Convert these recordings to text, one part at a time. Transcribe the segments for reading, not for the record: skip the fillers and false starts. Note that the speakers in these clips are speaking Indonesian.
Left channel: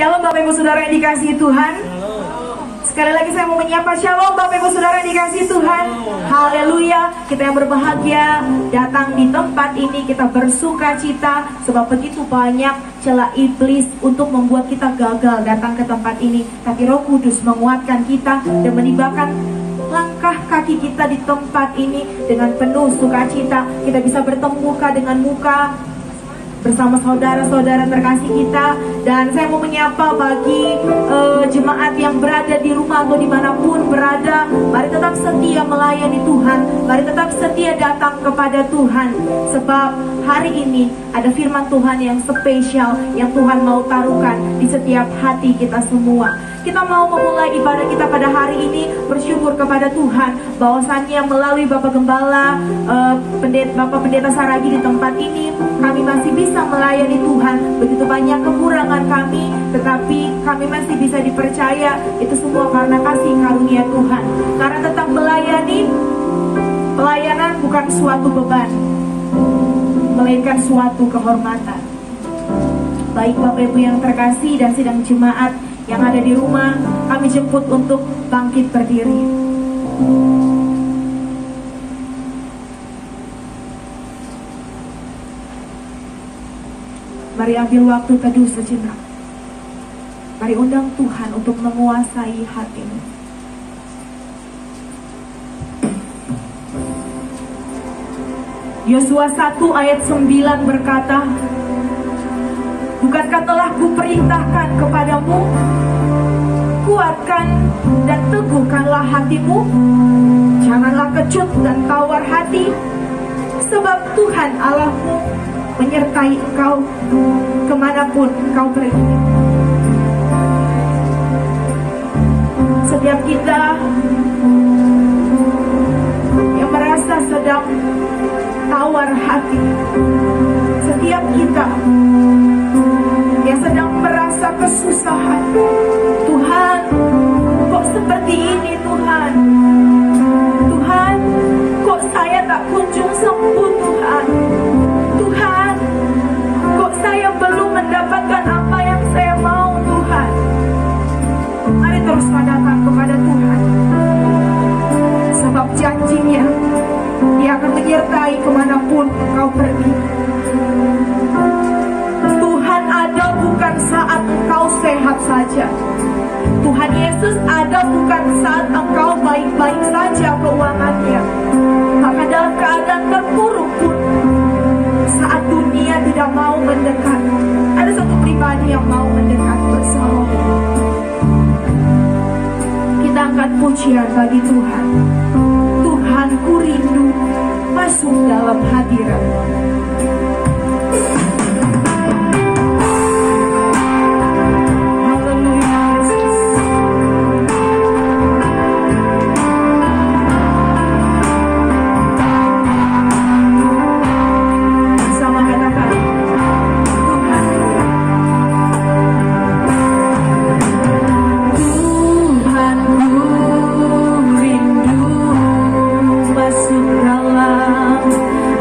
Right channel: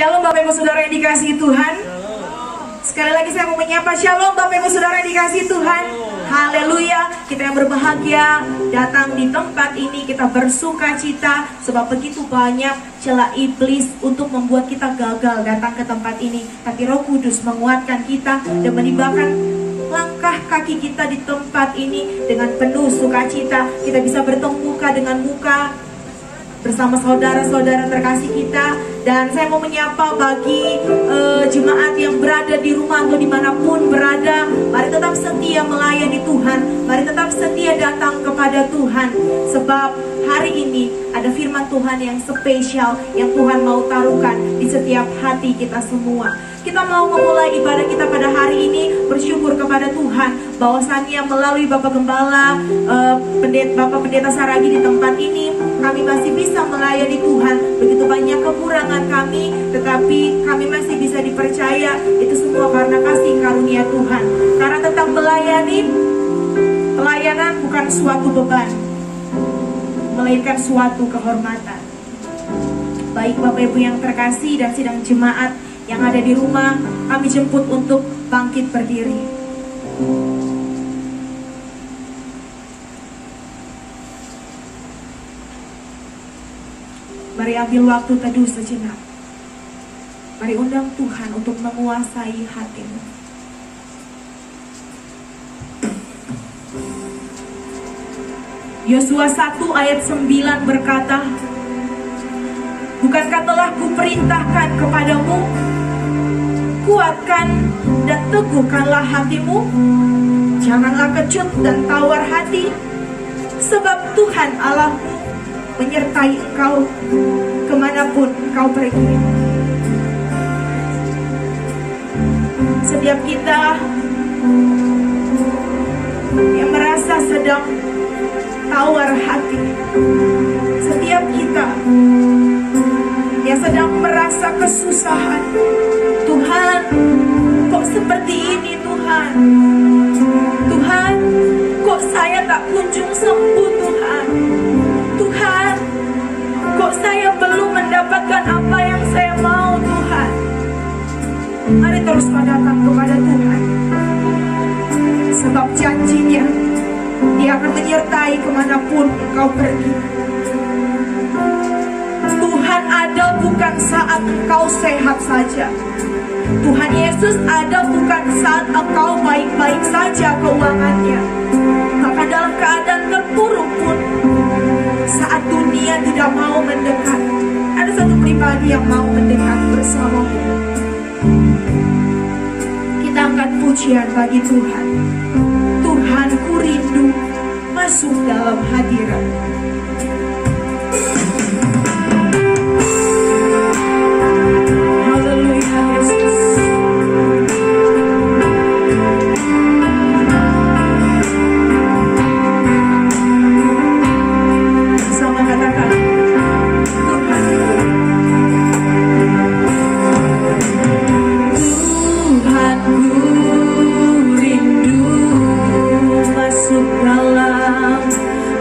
Shalom Bapak Ibu Saudara yang dikasihi Tuhan. Sekali lagi saya mau menyapa shalom Bapak Ibu Saudara yang dikasihi Tuhan. Haleluya. Kita yang berbahagia datang di tempat ini, kita bersuka cita sebab begitu banyak celah iblis untuk membuat kita gagal datang ke tempat ini. Tapi Roh Kudus menguatkan kita dan menimbakan langkah kaki kita di tempat ini dengan penuh sukacita. Kita bisa bertemu muka dengan muka bersama saudara-saudara terkasih kita. Dan saya mau menyapa bagi jemaat yang berada di rumah atau dimanapun berada, mari tetap setia melayani Tuhan, mari tetap setia datang kepada Tuhan. Sebab hari ini ada firman Tuhan yang spesial yang Tuhan mau taruhkan di setiap hati kita semua. Kita mau memulai ibadah kita pada hari ini bersyukur kepada Tuhan bahwasannya melalui Bapak Gembala, Bapak Pendeta Saragi di tempat ini, kami masih bisa melayani Tuhan. Begitu banyak kekurangan kami, tetapi kami masih bisa dipercaya. Itu semua karena kasih karunia Tuhan. Karena tentang melayani, pelayanan bukan suatu beban, melainkan suatu kehormatan. Baik Bapak Ibu yang terkasih dan sidang jemaat yang ada di rumah, kami jemput untuk bangkit berdiri. Mari ambil waktu teduh sejenak. Mari undang Tuhan untuk menguasai hatimu. Yosua 1 ayat 9 berkata, bukankah telah kuperintahkan kepadamu, kuatkan dan teguhkanlah hatimu, janganlah kecut dan tawar hati, sebab Tuhan Allahmu menyertai engkau kemanapun engkau pergi. Setiap kita yang merasa sedang tawar hati, setiap kita yang sedang merasa kesusahan, Tuhan, kok seperti ini Tuhan? Tuhan, kok saya tak kunjung sembuh Tuhan? Tuhan, kok saya belum mendapatkan apa yang saya mau Tuhan? Mari terus datang kepada Tuhan. Sebab janjinya, Dia akan menyertai kemanapun engkau pergi. Tuhan ada bukan saat engkau sehat saja. Tuhan Yesus ada bukan saat engkau baik-baik saja keuangannya. Bahkan dalam keadaan terpuruk pun, saat dunia tidak mau mendekat, ada satu pribadi yang mau mendekat bersamamu. Kita angkat pujian bagi Tuhan. Tuhan, ku rindu masuk dalam hadirat.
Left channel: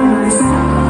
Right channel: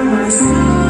Masuk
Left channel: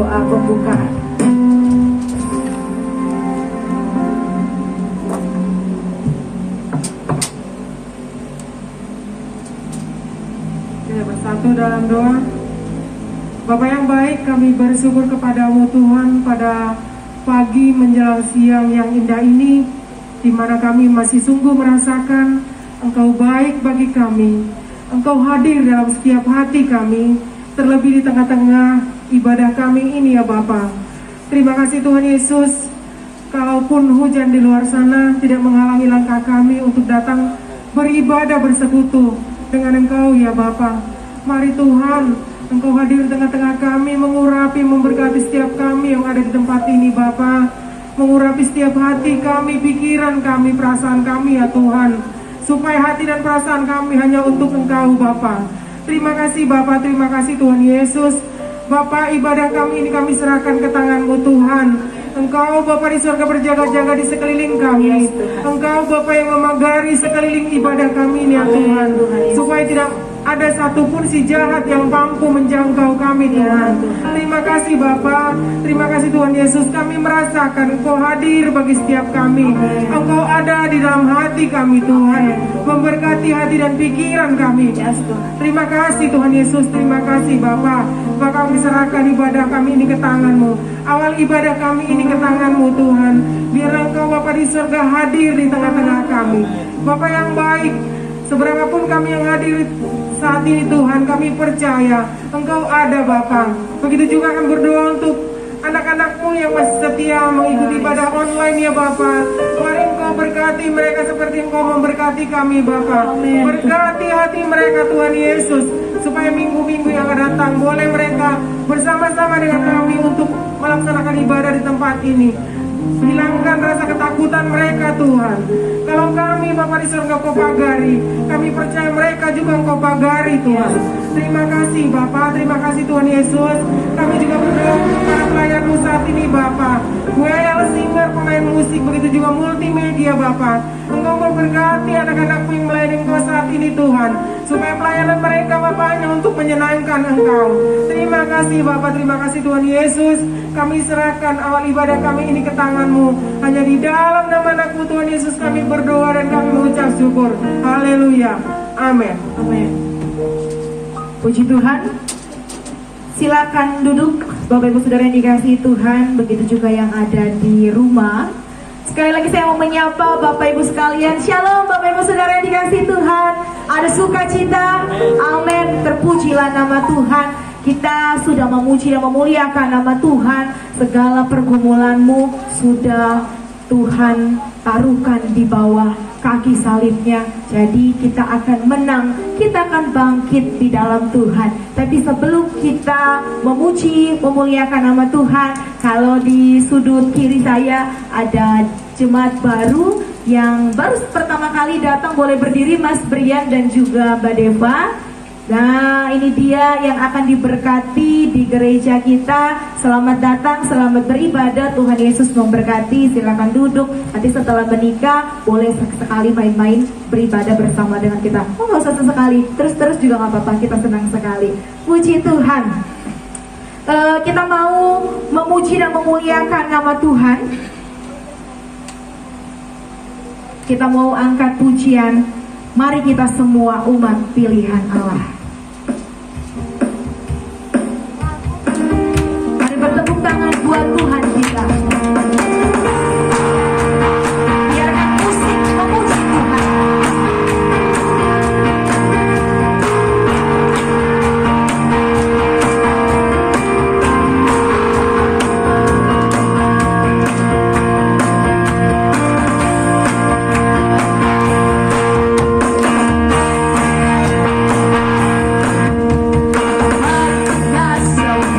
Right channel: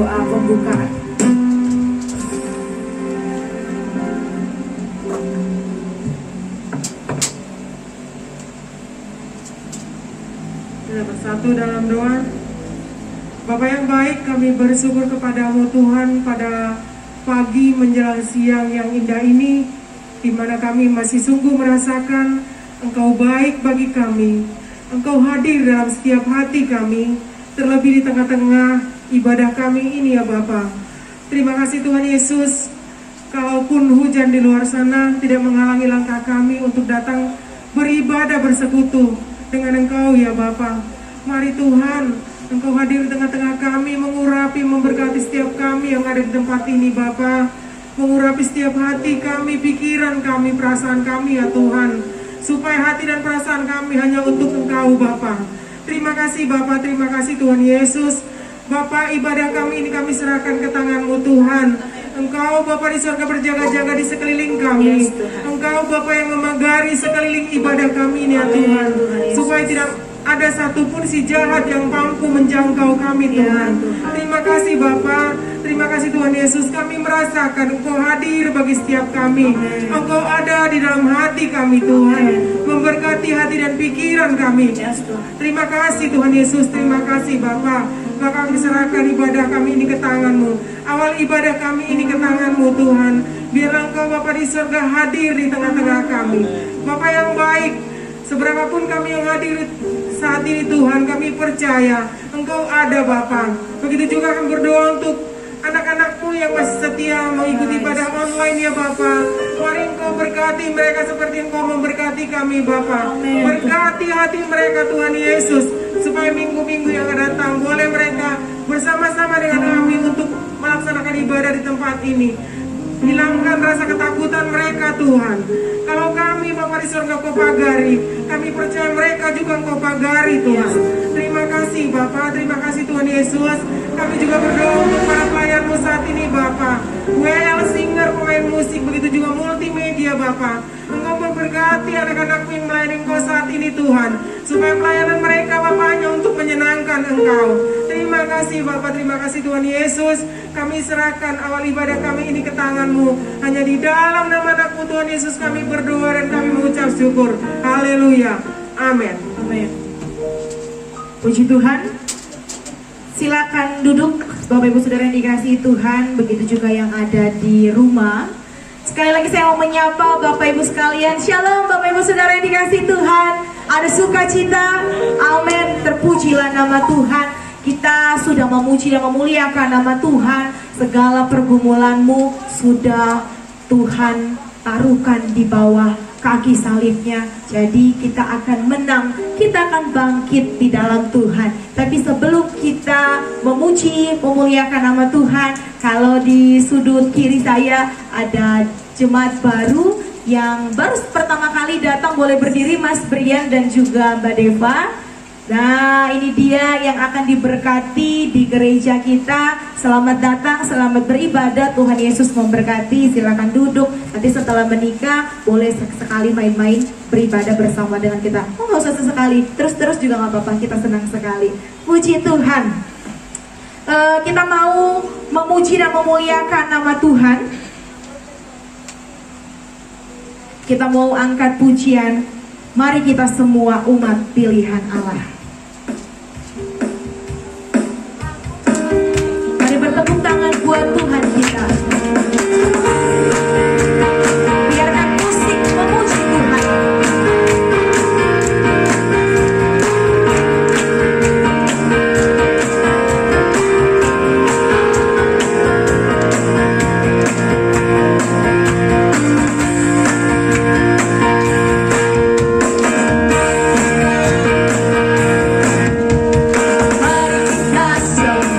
doa pembukaan. Kita bersatu dalam doa. Bapa yang baik, kami bersyukur kepadamu Tuhan pada pagi menjelang siang yang indah ini, di mana kami masih sungguh merasakan Engkau baik bagi kami. Engkau hadir dalam setiap hati kami, terlebih di tengah-tengah ibadah kami ini ya Bapa. Terima kasih Tuhan Yesus, kalaupun hujan di luar sana tidak menghalangi langkah kami untuk datang beribadah bersekutu dengan Engkau ya Bapa. Mari Tuhan, Engkau hadir di tengah-tengah kami, mengurapi, memberkati setiap kami yang ada di tempat ini Bapa. Mengurapi setiap hati kami, pikiran kami, perasaan kami ya Tuhan, supaya hati dan perasaan kami hanya untuk Engkau Bapa. Terima kasih Bapa, terima kasih Tuhan Yesus. Bapa, ibadah kami ini kami serahkan ke tangan-Mu Tuhan. Engkau Bapa di surga berjaga-jaga di sekeliling kami. Engkau Bapa yang memagari sekeliling ibadah kami ini ya Tuhan, supaya tidak ada satupun si jahat yang mampu menjangkau kami Tuhan. Terima kasih Bapa, terima kasih Tuhan Yesus. Kami merasakan Engkau hadir bagi setiap kami. Engkau ada di dalam hati kami Tuhan, memberkati hati dan pikiran kami. Terima kasih Tuhan Yesus, terima kasih Bapa. Bapa, kami serahkan ibadah kami ini ke tangan-Mu. Awal ibadah kami ini ke tangan-Mu Tuhan. Biar Engkau Bapa di surga hadir di tengah-tengah kami. Bapa yang baik, seberapapun kami yang hadir saat ini Tuhan, kami percaya Engkau ada Bapa. Begitu juga kami berdoa untuk anak-anak-Mu yang masih setia mengikuti ibadah online ya Bapa. Mari Engkau berkati mereka seperti Engkau memberkati kami Bapa. Berkati hati mereka Tuhan Yesus, supaya minggu-minggu yang akan datang boleh mereka bersama-sama dengan kami untuk melaksanakan ibadah di tempat ini. Hilangkan rasa ketakutan mereka Tuhan. Kalau kami Bapa di surga Kau pagari, kami percaya mereka juga Kau pagari Tuhan. Terima kasih Bapa, terima kasih Tuhan Yesus. Kami juga berdoa untuk para pelayan-Mu saat ini Bapa. WL singer, pemain musik, begitu juga multimedia Bapa. Engkau memberkati anak-anak-Mu yang melayani Engkau saat ini Tuhan, supaya pelayanan mereka Bapa hanya untuk menyenangkan Engkau. Terima kasih Bapa, terima kasih Tuhan Yesus. Kami serahkan awal ibadah kami ini ke tangan-Mu. Hanya di dalam nama anak-Mu Tuhan Yesus kami berdoa dan kami mengucap syukur. Haleluya. Amin. Amin. Puji Tuhan. Silakan duduk Bapak Ibu Saudara yang dikasihi Tuhan, begitu juga yang ada di rumah. Sekali lagi saya mau menyapa Bapak Ibu sekalian. Shalom Bapak Ibu Saudara yang dikasihi Tuhan. Ada sukacita. Amin. Terpujilah nama Tuhan. Kita sudah memuji dan memuliakan nama Tuhan. Segala pergumulanmu sudah Tuhan taruhkan di bawah kaki salibnya. Jadi kita akan menang, kita akan bangkit di dalam Tuhan. Tapi sebelum kita memuji, memuliakan nama Tuhan, kalau di sudut kiri saya ada jemaat baru yang baru pertama kali datang, boleh berdiri Mas Brian dan juga Mbak Deva. Nah, ini dia yang akan diberkati di gereja kita. Selamat datang, selamat beribadah. Tuhan Yesus memberkati. Silakan duduk. Nanti setelah menikah boleh sekali main-main beribadah bersama dengan kita. Oh, nggak usah sesekali, terus-terus juga nggak apa-apa. Kita senang sekali. Puji Tuhan. Kita mau memuji dan memuliakan nama Tuhan. Kita mau angkat pujian. Mari kita semua umat pilihan Allah. Bertepuk tangan buat Tuhan kita. Biarkan musik memuji Tuhan. Mari kita semua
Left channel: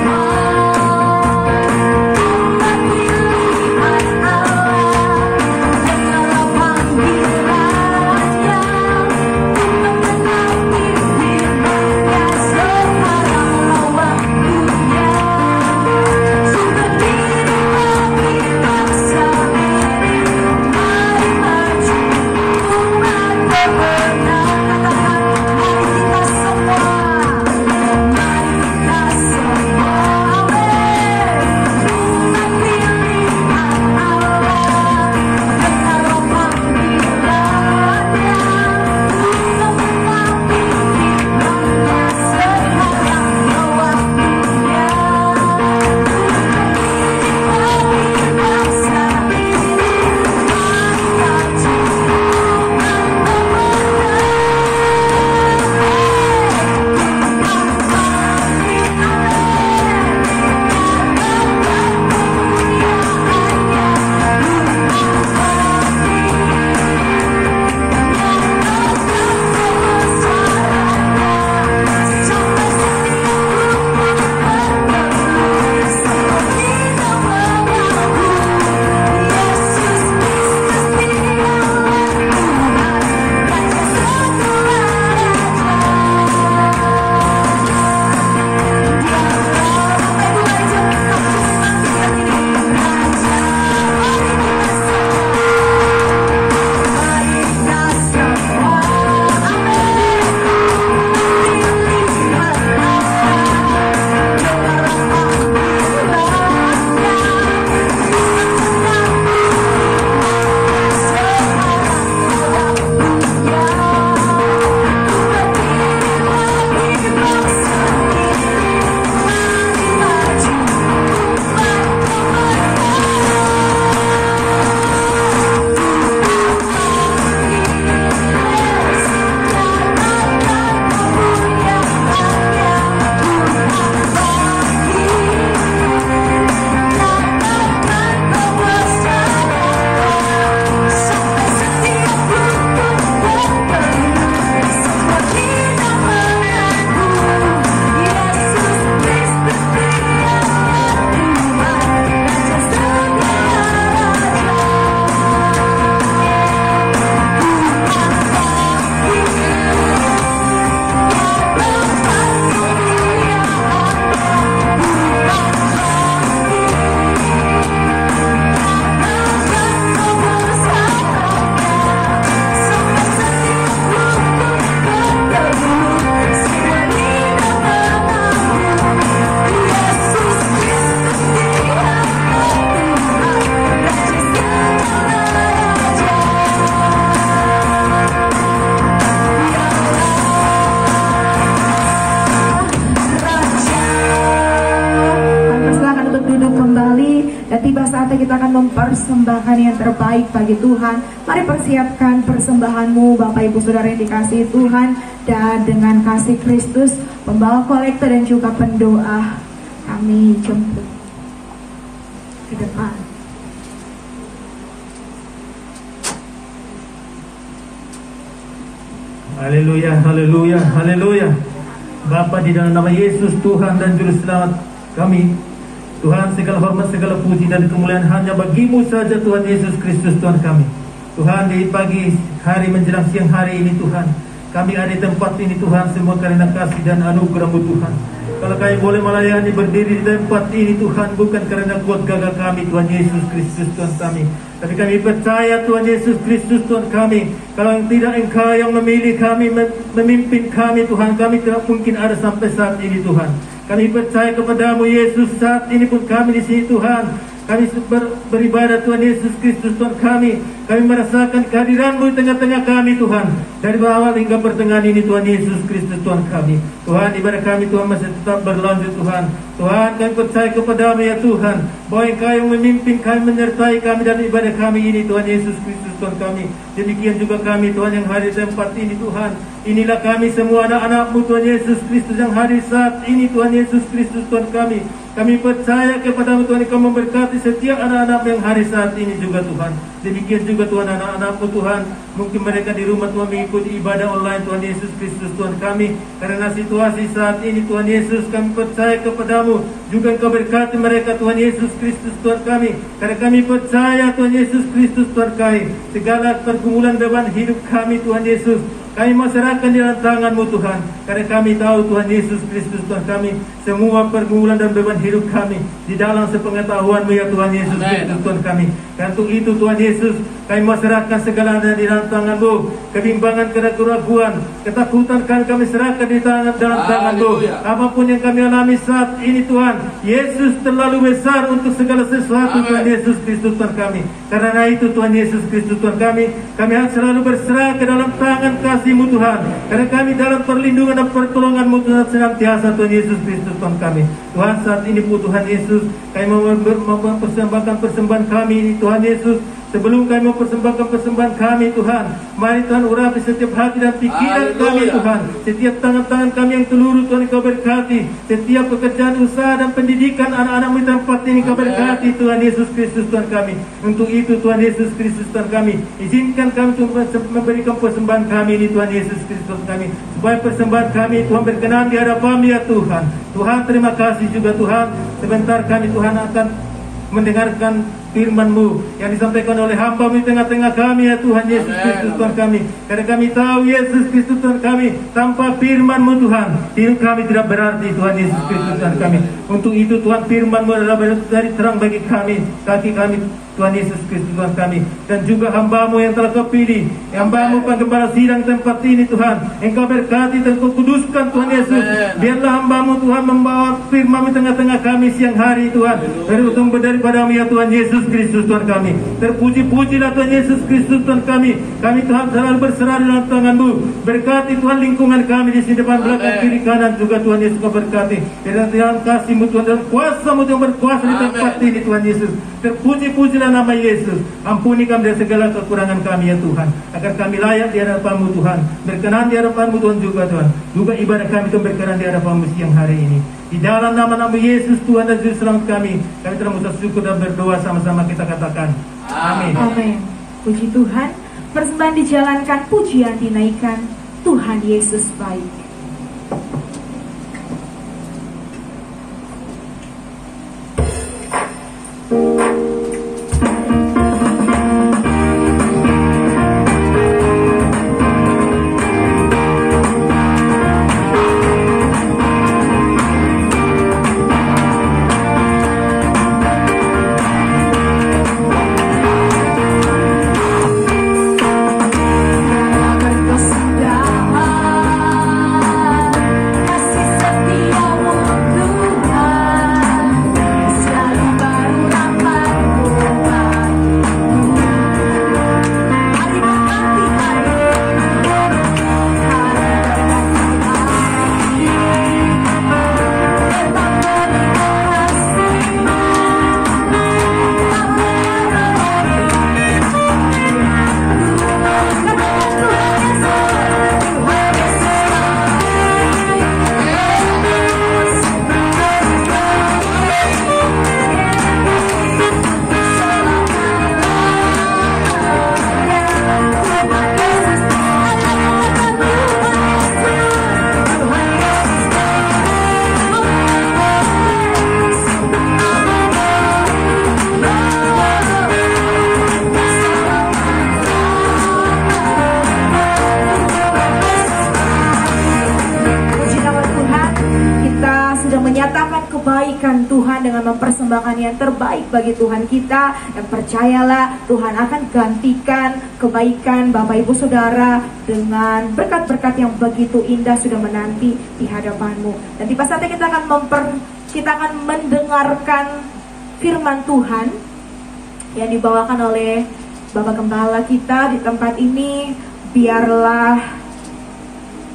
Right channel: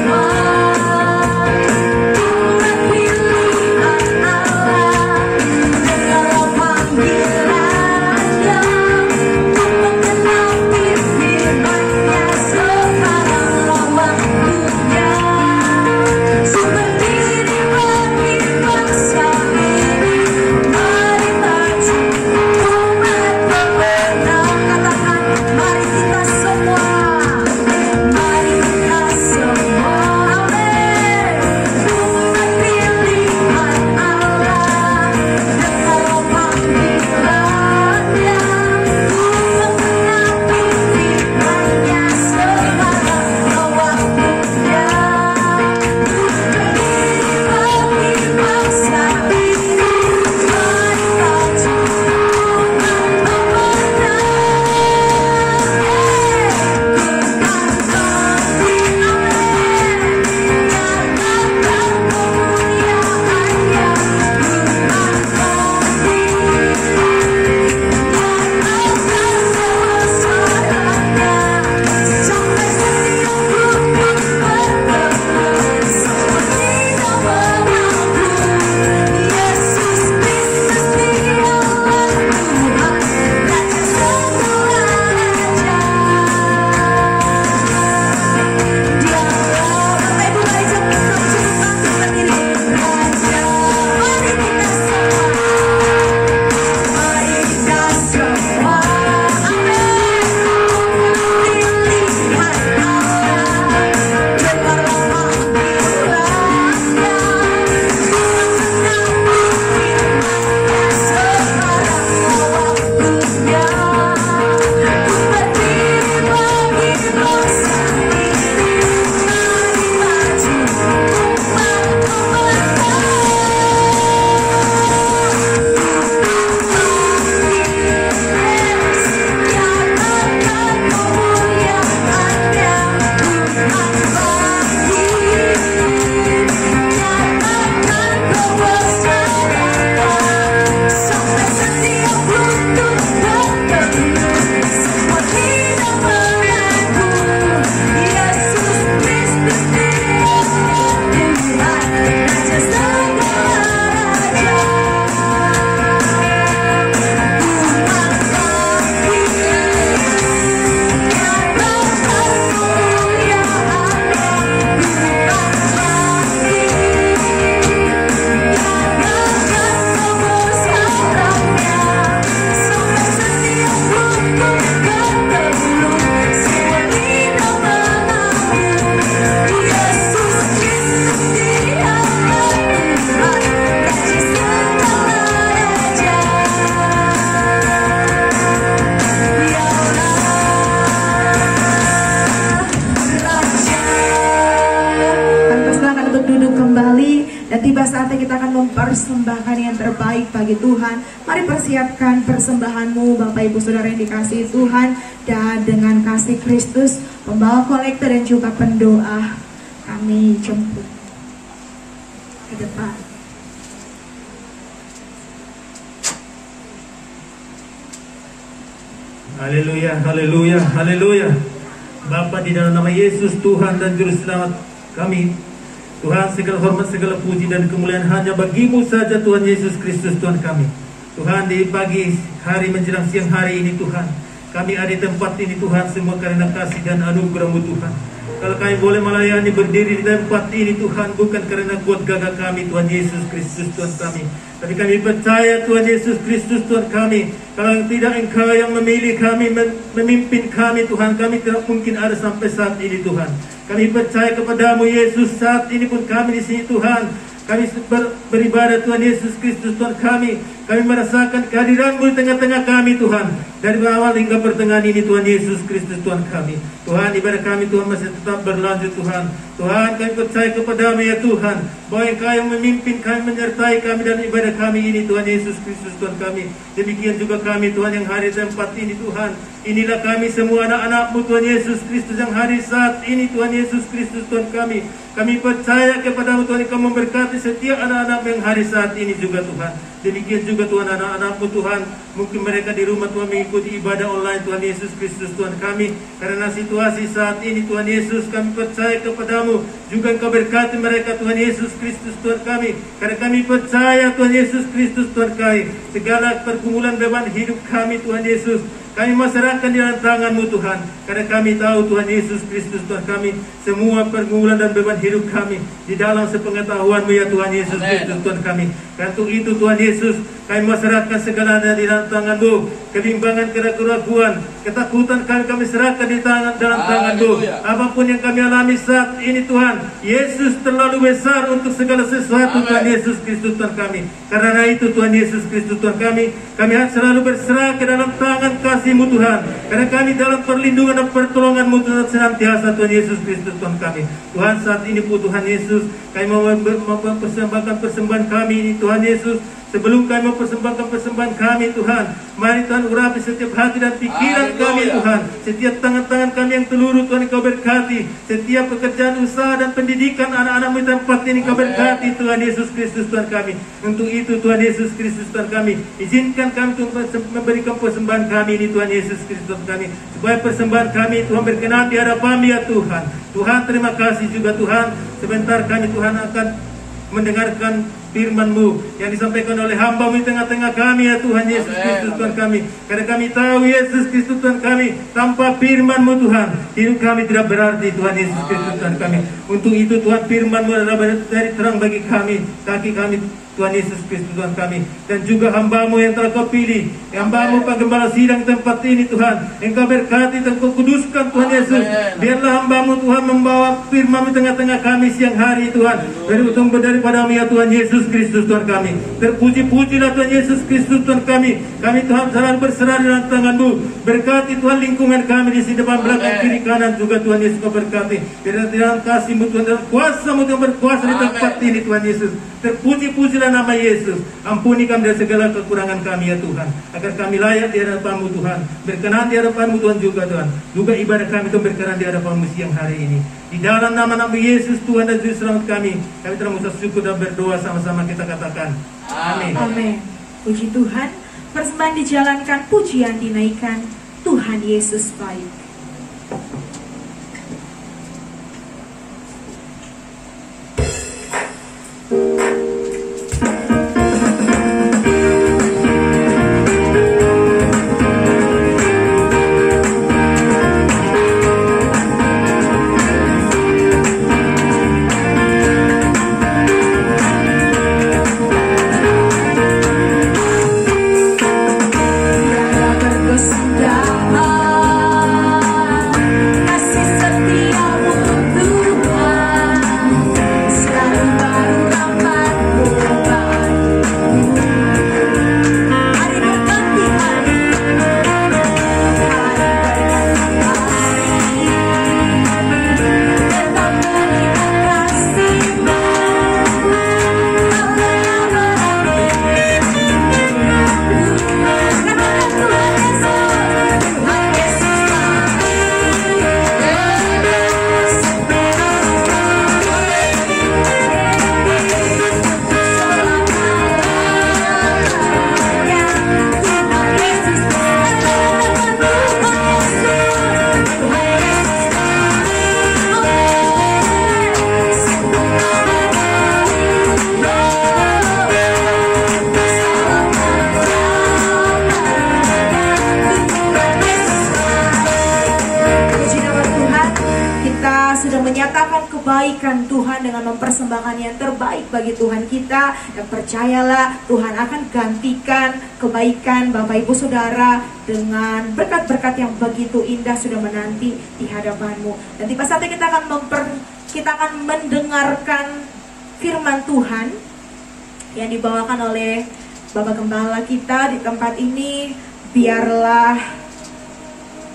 Dan tiba saatnya kita akan mempersembahkan yang terbaik bagi Tuhan. Mari persiapkan persembahanmu Bapak Ibu Saudara yang dikasihi Tuhan. Dan dengan kasih Kristus, pembawa kolektor dan juga pendoa, kami jemput ke depan. Haleluya, haleluya, haleluya. Bapa, di dalam nama Yesus Tuhan dan Juru Selamat kami, Tuhan, segala hormat, segala puji dan kemuliaan hanya bagi-Mu saja Tuhan Yesus Kristus Tuhan kami. Tuhan, di pagi hari menjelang siang hari ini Tuhan, kami ada di tempat ini Tuhan semua karena kasih dan anugerah-Mu Tuhan. Kalau kami boleh melayani berdiri di tempat ini Tuhan, bukan karena kuat gagah kami Tuhan Yesus Kristus Tuhan kami, tapi kami percaya Tuhan Yesus Kristus Tuhan kami. Kalau tidak Engkau yang memilih kami, memimpin kami Tuhan, kami tidak mungkin ada sampai saat ini Tuhan. Kami percaya kepada-Mu Yesus, saat ini pun kami di sini Tuhan. Kami beribadah Tuhan Yesus Kristus Tuhan kami. Kami merasakan kehadiran-Mu di tengah-tengah kami Tuhan. Dari awal hingga pertengahan ini Tuhan Yesus Kristus Tuhan kami. Tuhan, ibadah kami Tuhan masih tetap berlanjut Tuhan. Tuhan, kami percaya kepada-Mu ya Tuhan, bahwa Engkau yang memimpin kami, menyertai kami dalam ibadah kami ini Tuhan Yesus Kristus Tuhan kami. Demikian juga kami Tuhan yang hari tempat ini Tuhan. Inilah kami semua anak-anak-Mu Tuhan Yesus Kristus yang hari saat ini Tuhan Yesus Kristus Tuhan kami. Kami percaya kepada-Mu Tuhan, Engkau memberkati setiap anak-anak yang hari saat ini juga Tuhan. Demikian juga Tuhan anak-anak-Mu Tuhan, mungkin mereka di rumah Tuhan mengikuti ibadah online Tuhan Yesus Kristus Tuhan kami. Karena situasi saat ini Tuhan Yesus, kami percaya kepada-Mu juga Engkau berkati mereka Tuhan Yesus Kristus Tuhan kami. Karena kami percaya Tuhan Yesus Kristus Tuhan kami, segala pergumulan beban hidup kami Tuhan Yesus, kami masyarakat di dalam tangan-Mu Tuhan. Karena kami tahu Tuhan Yesus Kristus Tuhan kami, semua pergumulan dan beban hidup kami di dalam sepengetahuan-Mu ya Tuhan Yesus Kristus Tuhan kami. Dan untuk itu Tuhan Yesus, kami masyarakat segalanya di dalam tangan-Mu. Kebimbangan, keraguan, ketakutan kami serahkan di dalam tangan-Mu. Apapun yang kami alami saat ini Tuhan, Yesus terlalu besar untuk segala sesuatu Tuhan Yesus Kristus Tuhan kami. Karena itu Tuhan Yesus Kristus Tuhan kami harus selalu berserah ke dalam tangan kasih-Mu Tuhan. Karena kami dalam perlindungan dan pertolongan-Mu Tuhan senantiasa Tuhan Yesus Kristus Tuhan kami. Tuhan, saat ini pun Tuhan Yesus, kami mau mempersembahkan persembahan kami ini Tuhan Yesus. Sebelum kami mempersembahkan persembahan kami Tuhan, mari Tuhan urapi setiap hati dan pikiran kami Tuhan. Setiap tangan-tangan kami yang teluru Tuhan Engkau berkati. Setiap pekerjaan usaha dan pendidikan anak-anak-Mu di tempat ini Engkau berkati Tuhan Yesus Kristus Tuhan kami. Untuk itu Tuhan Yesus Kristus Tuhan kami, izinkan kami untuk memberikan persembahan kami ini Tuhan Yesus Kristus Tuhan kami, supaya persembahan kami Tuhan berkenan di hadapan-Mu ya Tuhan. Tuhan, terima kasih juga Tuhan. Sebentar kami Tuhan akan mendengarkan firman-Mu yang disampaikan oleh hamba-Mu di tengah-tengah kami ya Tuhan Yesus Kristus Tuhan kami. Karena kami tahu Yesus Kristus Tuhan kami, tanpa firman-Mu Tuhan, hidup kami tidak berarti Tuhan Yesus Kristus Tuhan kami. Untuk itu Tuhan, firman-Mu adalah dari terang bagi kami, kaki kami Tuhan Yesus Kristus Tuhan kami. Dan juga hamba-Mu yang telah Kau pilih, hamba-Mu penggembala sidang tempat ini Tuhan, Engkau berkati dan Kau kuduskan Tuhan Yesus. Biarlah hamba-Mu Tuhan membawa firman-Mu tengah-tengah kami siang hari Tuhan, beruntung daripada-Mu ya Tuhan Yesus Kristus Tuhan kami. Terpuji-pujilah Tuhan Yesus Kristus Tuhan kami. Kami Tuhan selalu berserah di dalam tangan-Mu. Berkati Tuhan lingkungan kami di sini, depan, belakang, kiri, kanan juga Tuhan Yesus Kau berkati. Biarlah dalam kasih-Mu Tuhan, dalam kuasa-Mu yang berkuasa di tempat ini Tuhan Yesus. Terpuji-pujilah nama Yesus. Ampuni kami dari segala kekurangan kami ya Tuhan, agar kami layak di hadapan-Mu Tuhan, berkenan di hadapan-Mu Tuhan juga Tuhan. Juga ibadah kami Tuhan berkenan di hadapan-Mu siang hari ini. Di dalam nama-Nama Yesus Tuhan dan Juru Selamat kami telah mengucap syukur dan berdoa, sama-sama kita katakan amin. Amin. Puji Tuhan. Persembahan dijalankan, pujian dinaikkan. Tuhan Yesus baik. Terkesendaan persembahkan yang terbaik bagi Tuhan kita. Dan percayalah Tuhan akan gantikan kebaikan Bapak Ibu Saudara dengan berkat-berkat yang begitu indah sudah menanti di hadapanmu. Dan tiba saatnya kita akan mendengarkan firman Tuhan yang dibawakan oleh Bapak Gembala kita di tempat ini. Biarlah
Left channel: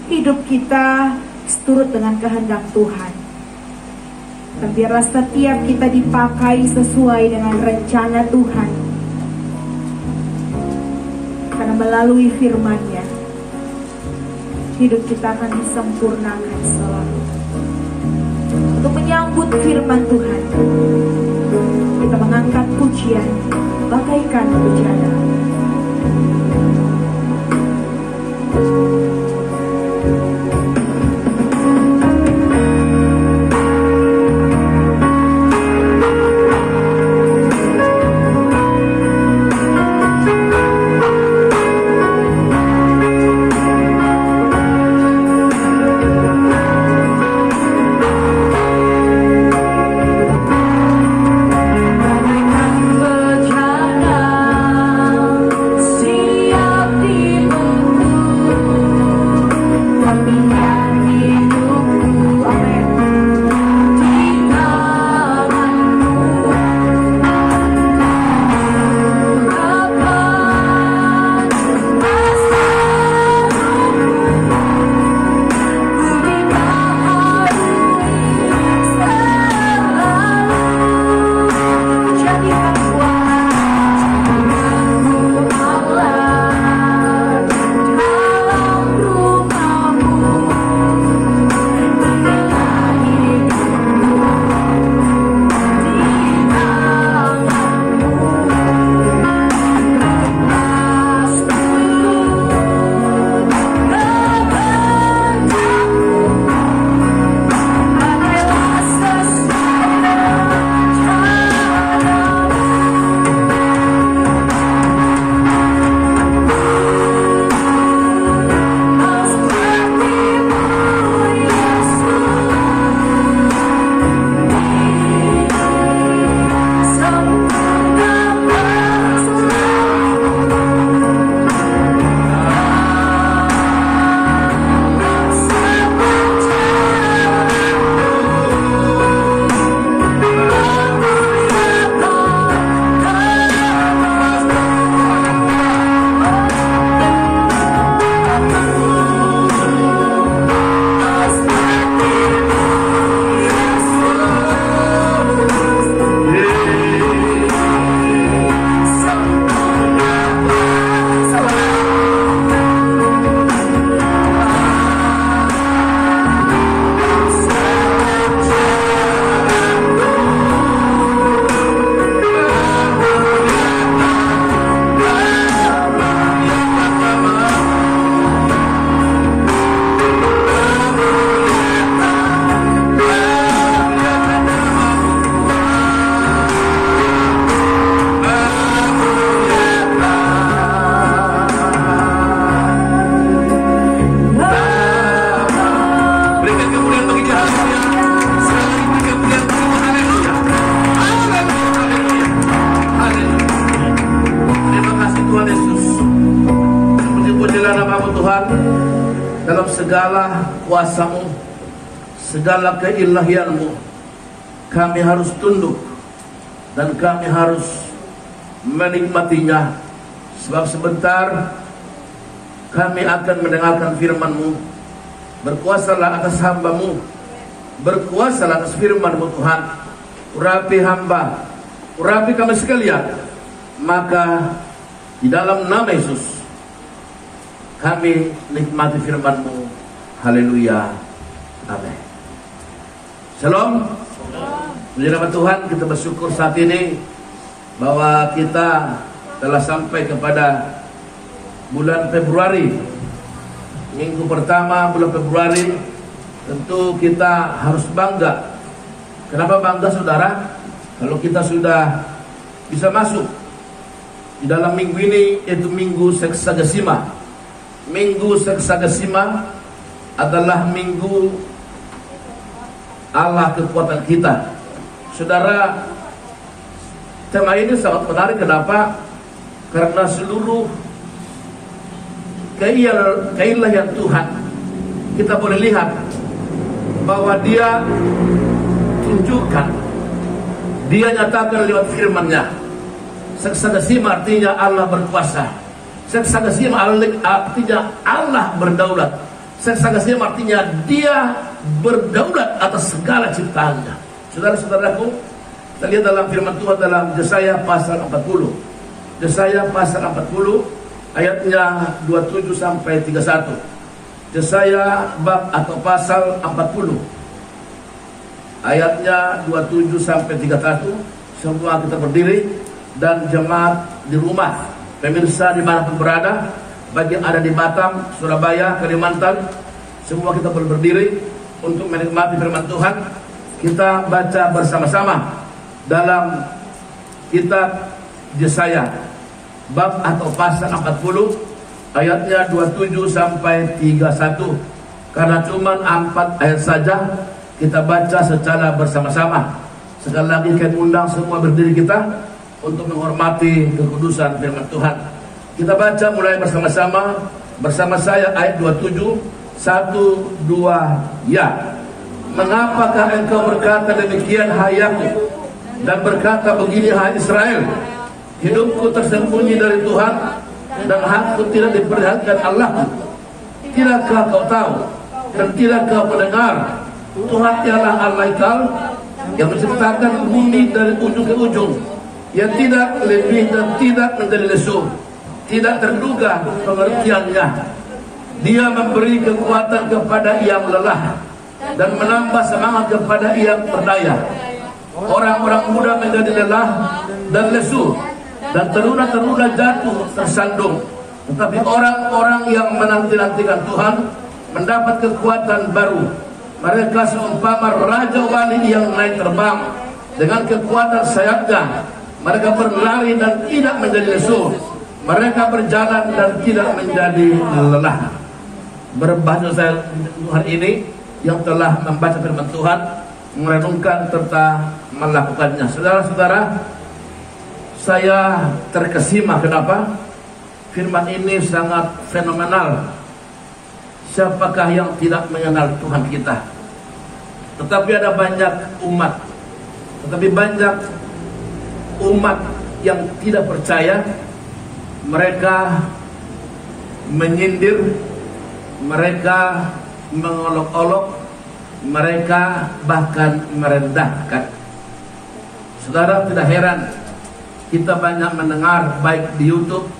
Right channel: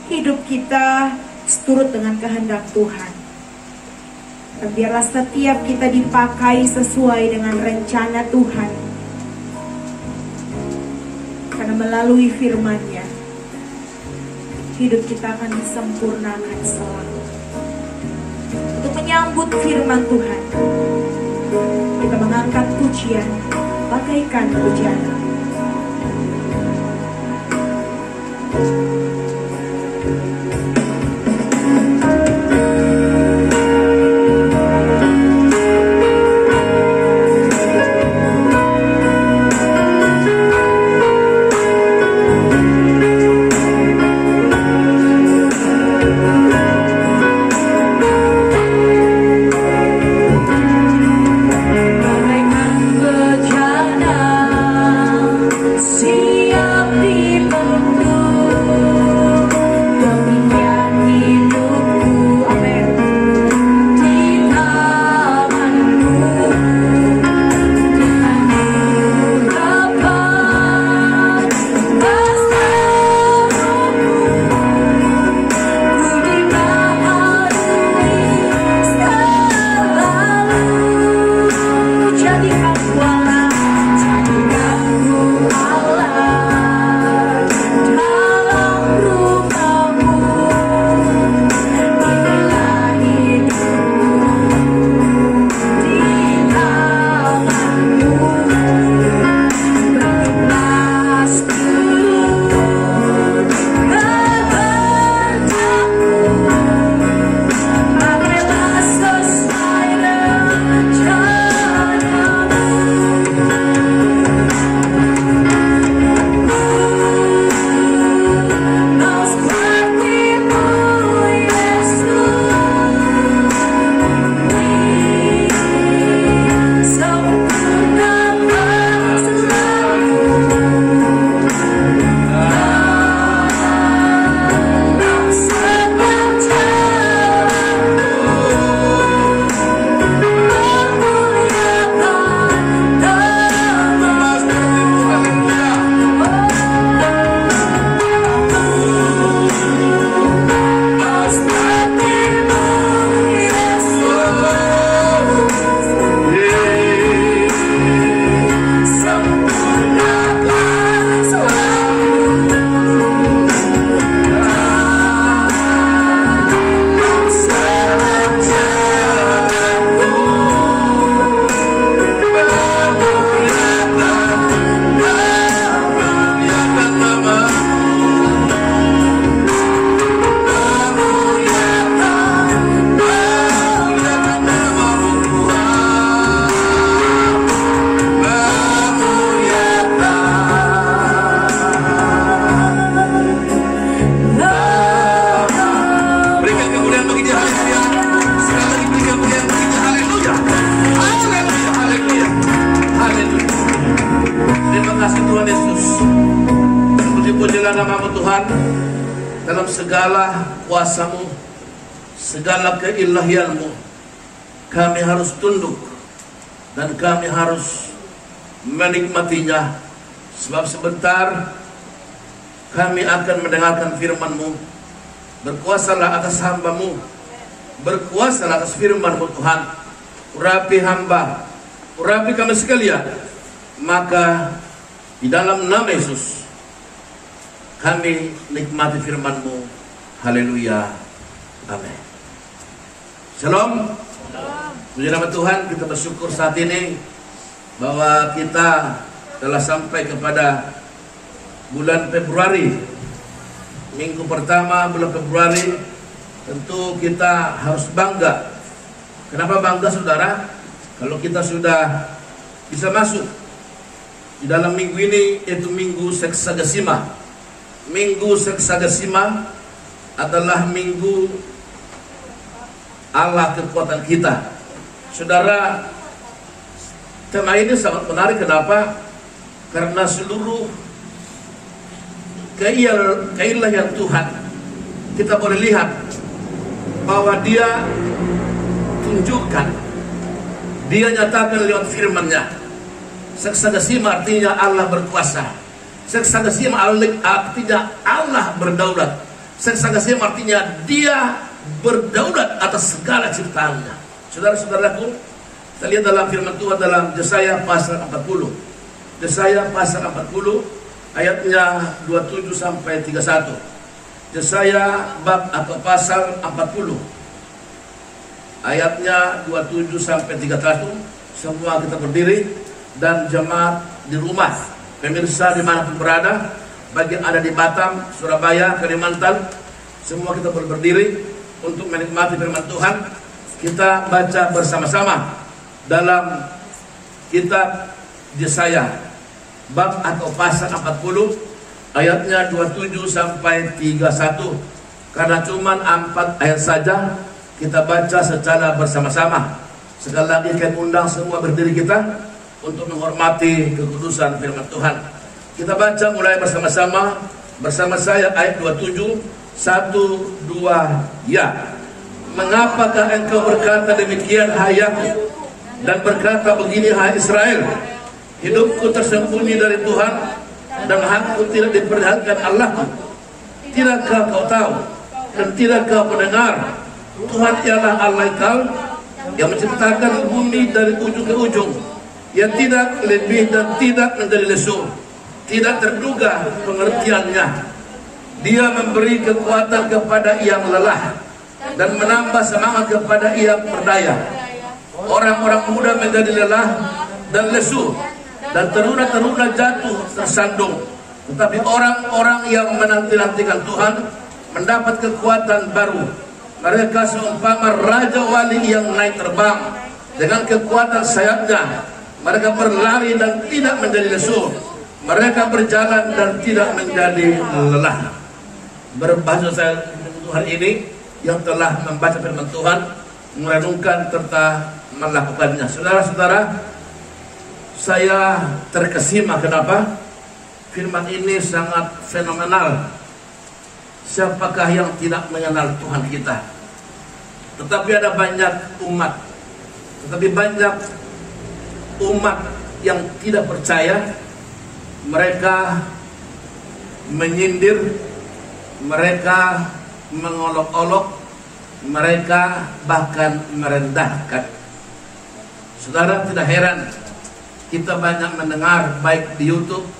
hidup kita seturut dengan kehendak Tuhan. Dan biarlah setiap kita dipakai sesuai dengan rencana Tuhan. Karena melalui firman-Nya, hidup kita akan disempurnakan selalu. Untuk menyambut firman Tuhan, kita mengangkat pujian bagaikan hujan. segala kuasa-Mu, segala keilahian-Mu, kami harus tunduk dan kami harus menikmatinya. Sebab sebentar kami akan mendengarkan firman-Mu. Berkuasalah atas hamba-Mu, berkuasalah atas firman-Mu Tuhan. Urapi hamba, urapi kami sekalian. Maka di dalam nama Yesus kami nikmati firman-Mu. Haleluya. Amin. Shalom. Puji nama Tuhan, kita bersyukur saat ini bahwa kita telah sampai kepada bulan Februari. Minggu pertama bulan Februari. Tentu kita harus bangga. Kenapa bangga, saudara? Kalau kita sudah bisa masuk di dalam minggu ini, yaitu Minggu Seksagesima. Minggu Seksagesima adalah minggu Allah kekuatan kita. Saudara, Tema ini sangat menarik. Kenapa? Karena seluruh keilahian Tuhan kita boleh lihat bahwa Dia tunjukkan, Dia nyatakan lewat firman-Nya. Seksadasima artinya Allah berkuasa. Seksadasima artinya Allah berdaulat. Seksadasima artinya Dia berdaulat atas segala ciptaannya. Saudara-saudaraku, kita lihat dalam firman Tuhan dalam Yesaya pasal 40. Yesaya pasal 40 ayatnya 27 sampai 31. Yesaya bab atau pasal 40 ayatnya 27 sampai 31. Semua kita berdiri, dan jemaat di rumah, pemirsa dimanapun berada, bagi yang ada di Batam, Surabaya, Kalimantan, semua kita boleh berdiri untuk menikmati firman Tuhan. Kita baca bersama-sama dalam kitab Yesaya bab atau pasal 40 ayatnya 27 sampai 31. Karena cuma 4 ayat saja, kita baca secara bersama-sama. Sekali lagi kami undang semua berdiri kita untuk menghormati kekudusan firman Tuhan. Kita baca mulai bersama-sama. Bersama saya ayat 27. 1, 2, ya. Mengapakah engkau berkata demikian, hai Yakub, dan berkata begini, hai Israel, hidupku tersembunyi dari Tuhan, dan hakku tidak diperlihatkan Allah. Tidakkah kau tahu dan tidakkah mendengar? Tuhan ialah Allah Ekal, yang menciptakan bumi dari ujung ke ujung, yang tidak lebih dan tidak menjadi lesu, tidak terduga pengertiannya. Dia memberi kekuatan kepada yang lelah, dan menambah semangat kepada yang berdaya. Orang-orang muda menjadi lelah dan lesu, dan teruna-teruna jatuh tersandung. Tetapi orang-orang yang menanti-nantikan Tuhan mendapat kekuatan baru. Mereka seumpama raja wali yang naik terbang dengan kekuatan sayapnya. Mereka berlari dan tidak menjadi lesu. Mereka berjalan dan tidak menjadi lelah. Berbahasa saya Tuhan ini yang telah membaca firman Tuhan, merenungkan serta melakukannya. Saudara-saudara, saya terkesima. Kenapa? Firman ini sangat fenomenal. Siapakah yang tidak mengenal Tuhan kita? Tetapi ada banyak umat, yang tidak percaya. Mereka menyindir, mereka mengolok-olok, mereka bahkan merendahkan. Saudara, tidak heran kita banyak mendengar baik di YouTube,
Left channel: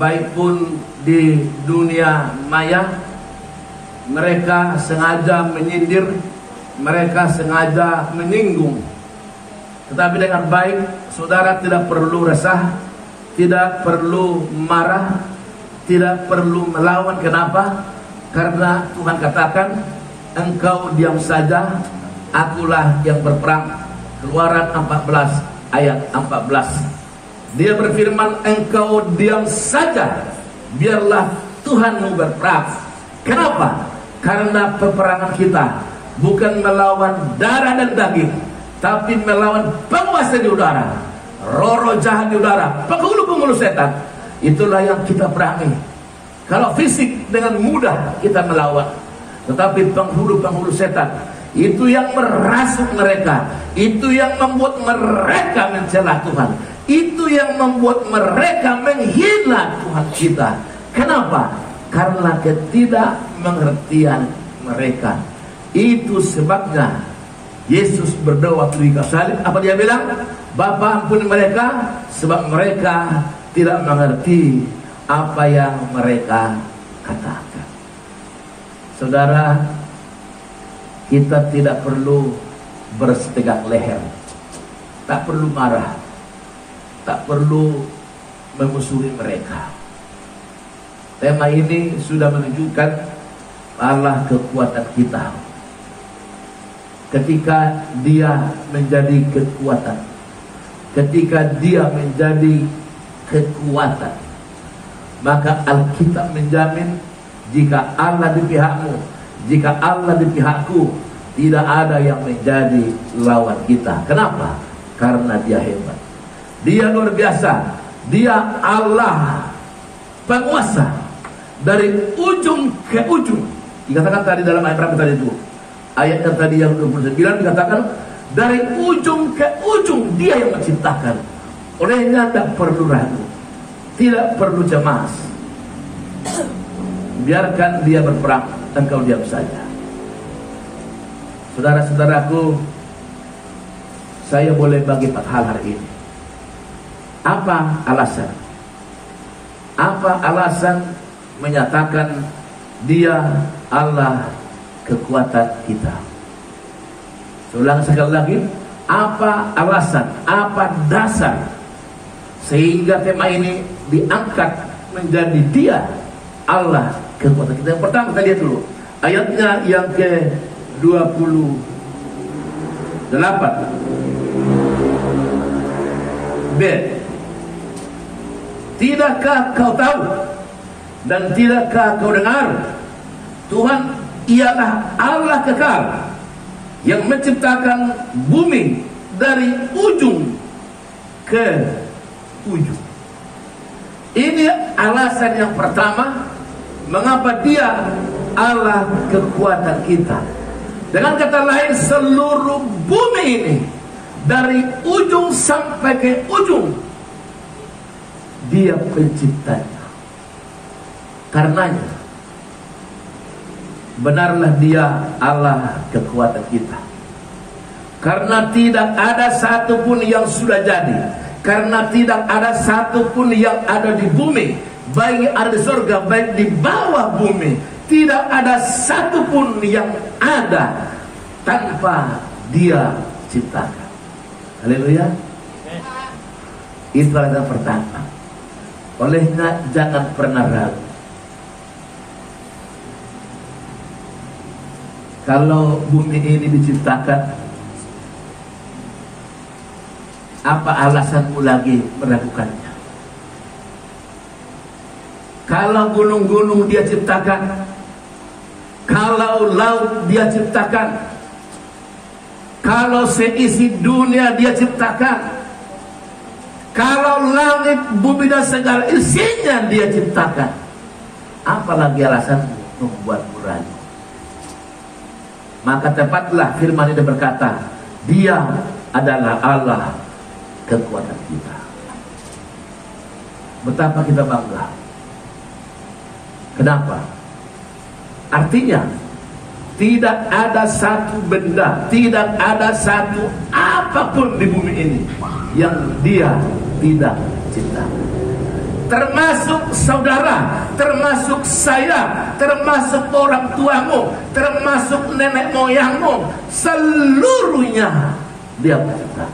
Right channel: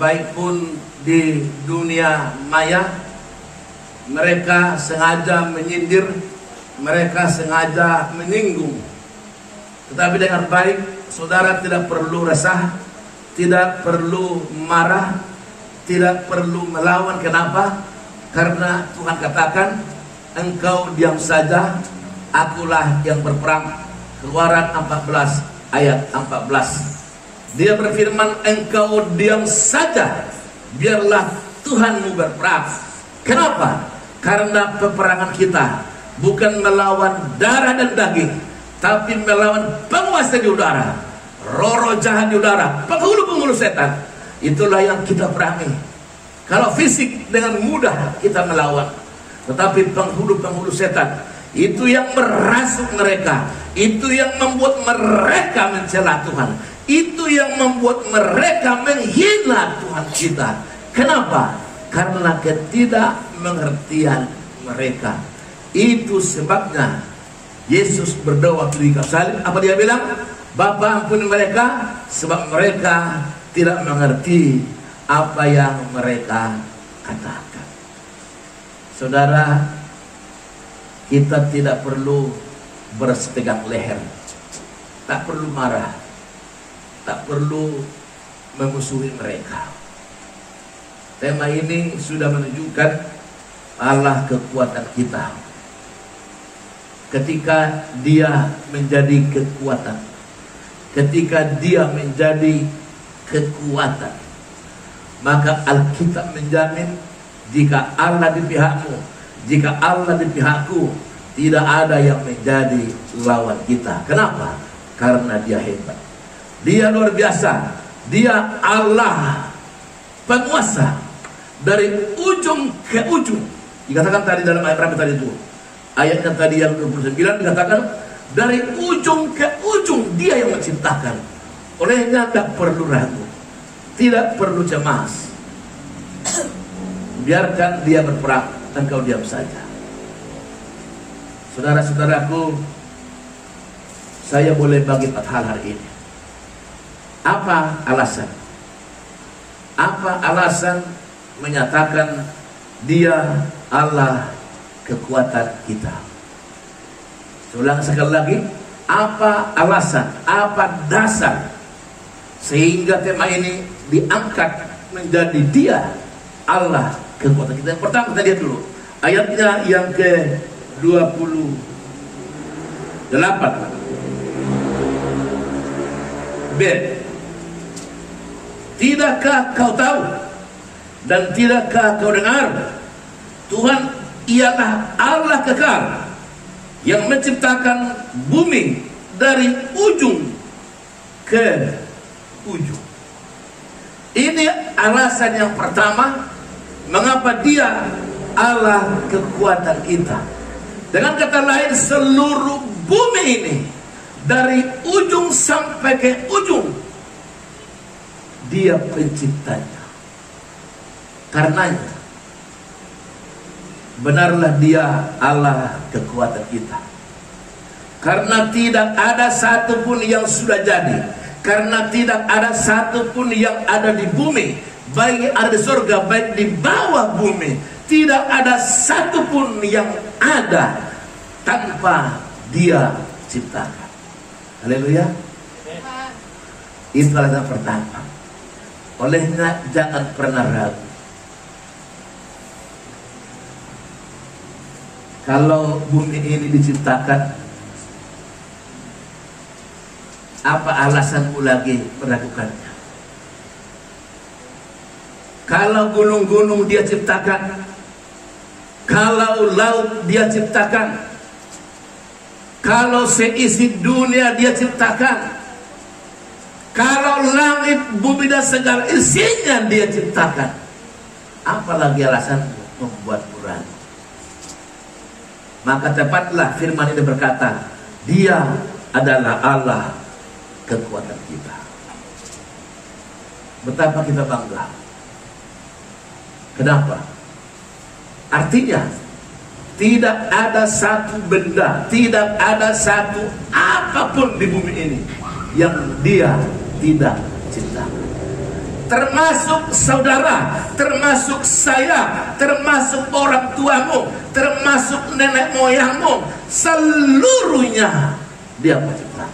baik pun di dunia maya, mereka sengaja menyindir, mereka sengaja menyinggung. Tetapi dengan baik, saudara tidak perlu resah, tidak perlu marah, tidak perlu melawan. Kenapa? Karena Tuhan katakan, engkau diam saja, akulah yang berperang. Keluaran 14 ayat 14. Dia berfirman, engkau diam saja, biarlah Tuhanmu berperang. Kenapa? Karena peperangan kita bukan melawan darah dan daging, tapi melawan penguasa di udara, roh-roh jahat di udara, penghulu-penghulu setan. Itulah yang kita perangi. Kalau fisik dengan mudah kita melawan, tetapi penghulu-penghulu setan itu yang merasuk mereka, itu yang membuat mereka mencela Tuhan, itu yang membuat mereka menghina Tuhan kita. Kenapa? Karena ketidakmengertian mereka. Itu sebabnya Yesus berdoa di kayu salib. Apa dia bilang? Bapa, ampuni mereka, sebab mereka tidak mengerti apa yang mereka katakan. Saudara, kita tidak perlu bersetegak leher, tak perlu marah, tak perlu memusuhi mereka. Tema ini sudah menunjukkan Allah kekuatan kita. Ketika Dia menjadi kekuatan, ketika Dia menjadi kekuatan, maka Alkitab menjamin, jika Allah di pihakmu, jika Allah di pihakku, tidak ada yang menjadi lawan kita. Kenapa? Karena Dia hebat. Dia luar biasa. Dia Allah penguasa dari ujung ke ujung. Dikatakan tadi dalam ayat berapa tadi itu? Ayatnya tadi yang 29 dikatakan dari ujung ke ujung dia yang menciptakan. Olehnya tidak perlu ragu, tidak perlu cemas. Biarkan dia berperang, engkau diam saja. Saudara-saudaraku, saya boleh bagi 4 hal hari ini. Apa alasan? Apa alasan menyatakan dia Allah kekuatan kita? Ulang sekali lagi, apa alasan, apa dasar sehingga tema ini diangkat menjadi dia Allah kekuatan kita? Yang pertama kita lihat dulu ayatnya yang ke-28 B. Tidakkah kau tahu dan tidakkah kau dengar, Tuhan ialah Allah kekal yang menciptakan bumi dari ujung ke ujung. Ini alasan yang pertama mengapa dia Allah kekuatan kita. Dengan kata lain, seluruh bumi ini dari ujung sampai ke ujung dia penciptanya. Karenanya benarlah dia Allah kekuatan kita. Karena tidak ada satupun yang sudah jadi, karena tidak ada satupun yang ada di bumi, baik ada di surga, baik di bawah bumi, tidak ada satupun yang ada tanpa dia ciptakan. Haleluya. Itu alasan pertama. Olehnya jangan pernah ragu. Kalau bumi ini diciptakan, apa alasanmu lagi meragukannya? Kalau gunung-gunung dia ciptakan, kalau laut dia ciptakan, kalau seisi dunia dia ciptakan, kalau langit, bumi dan segala isinya dia ciptakan, apalagi alasan membuatmu ragu? Maka tepatlah firman ini berkata, dia adalah Allah kekuatan kita. Betapa kita bangga. Kenapa? Artinya tidak ada satu benda, tidak ada satu apapun di bumi ini yang dia tidak cipta. Termasuk saudara, termasuk saya, termasuk orang tuamu, termasuk nenek moyangmu, seluruhnya dia mencipta.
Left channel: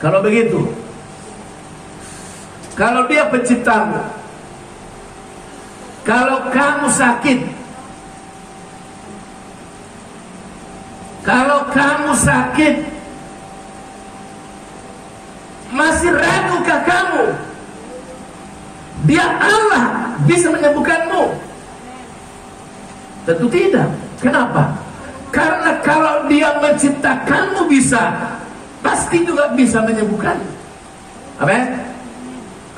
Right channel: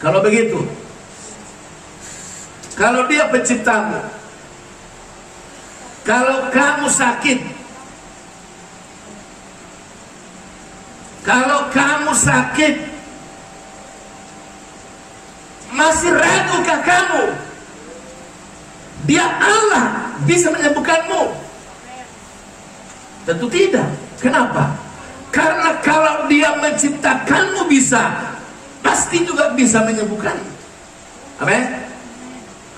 Kalau begitu, kalau dia penciptamu, kalau kamu sakit, kalau kamu sakit, masih ragukah kamu? Dia Allah bisa menyembuhkanmu? Tentu tidak. Kenapa? Karena kalau dia menciptakanmu bisa, pasti juga bisa menyembuhkanmu. Amin.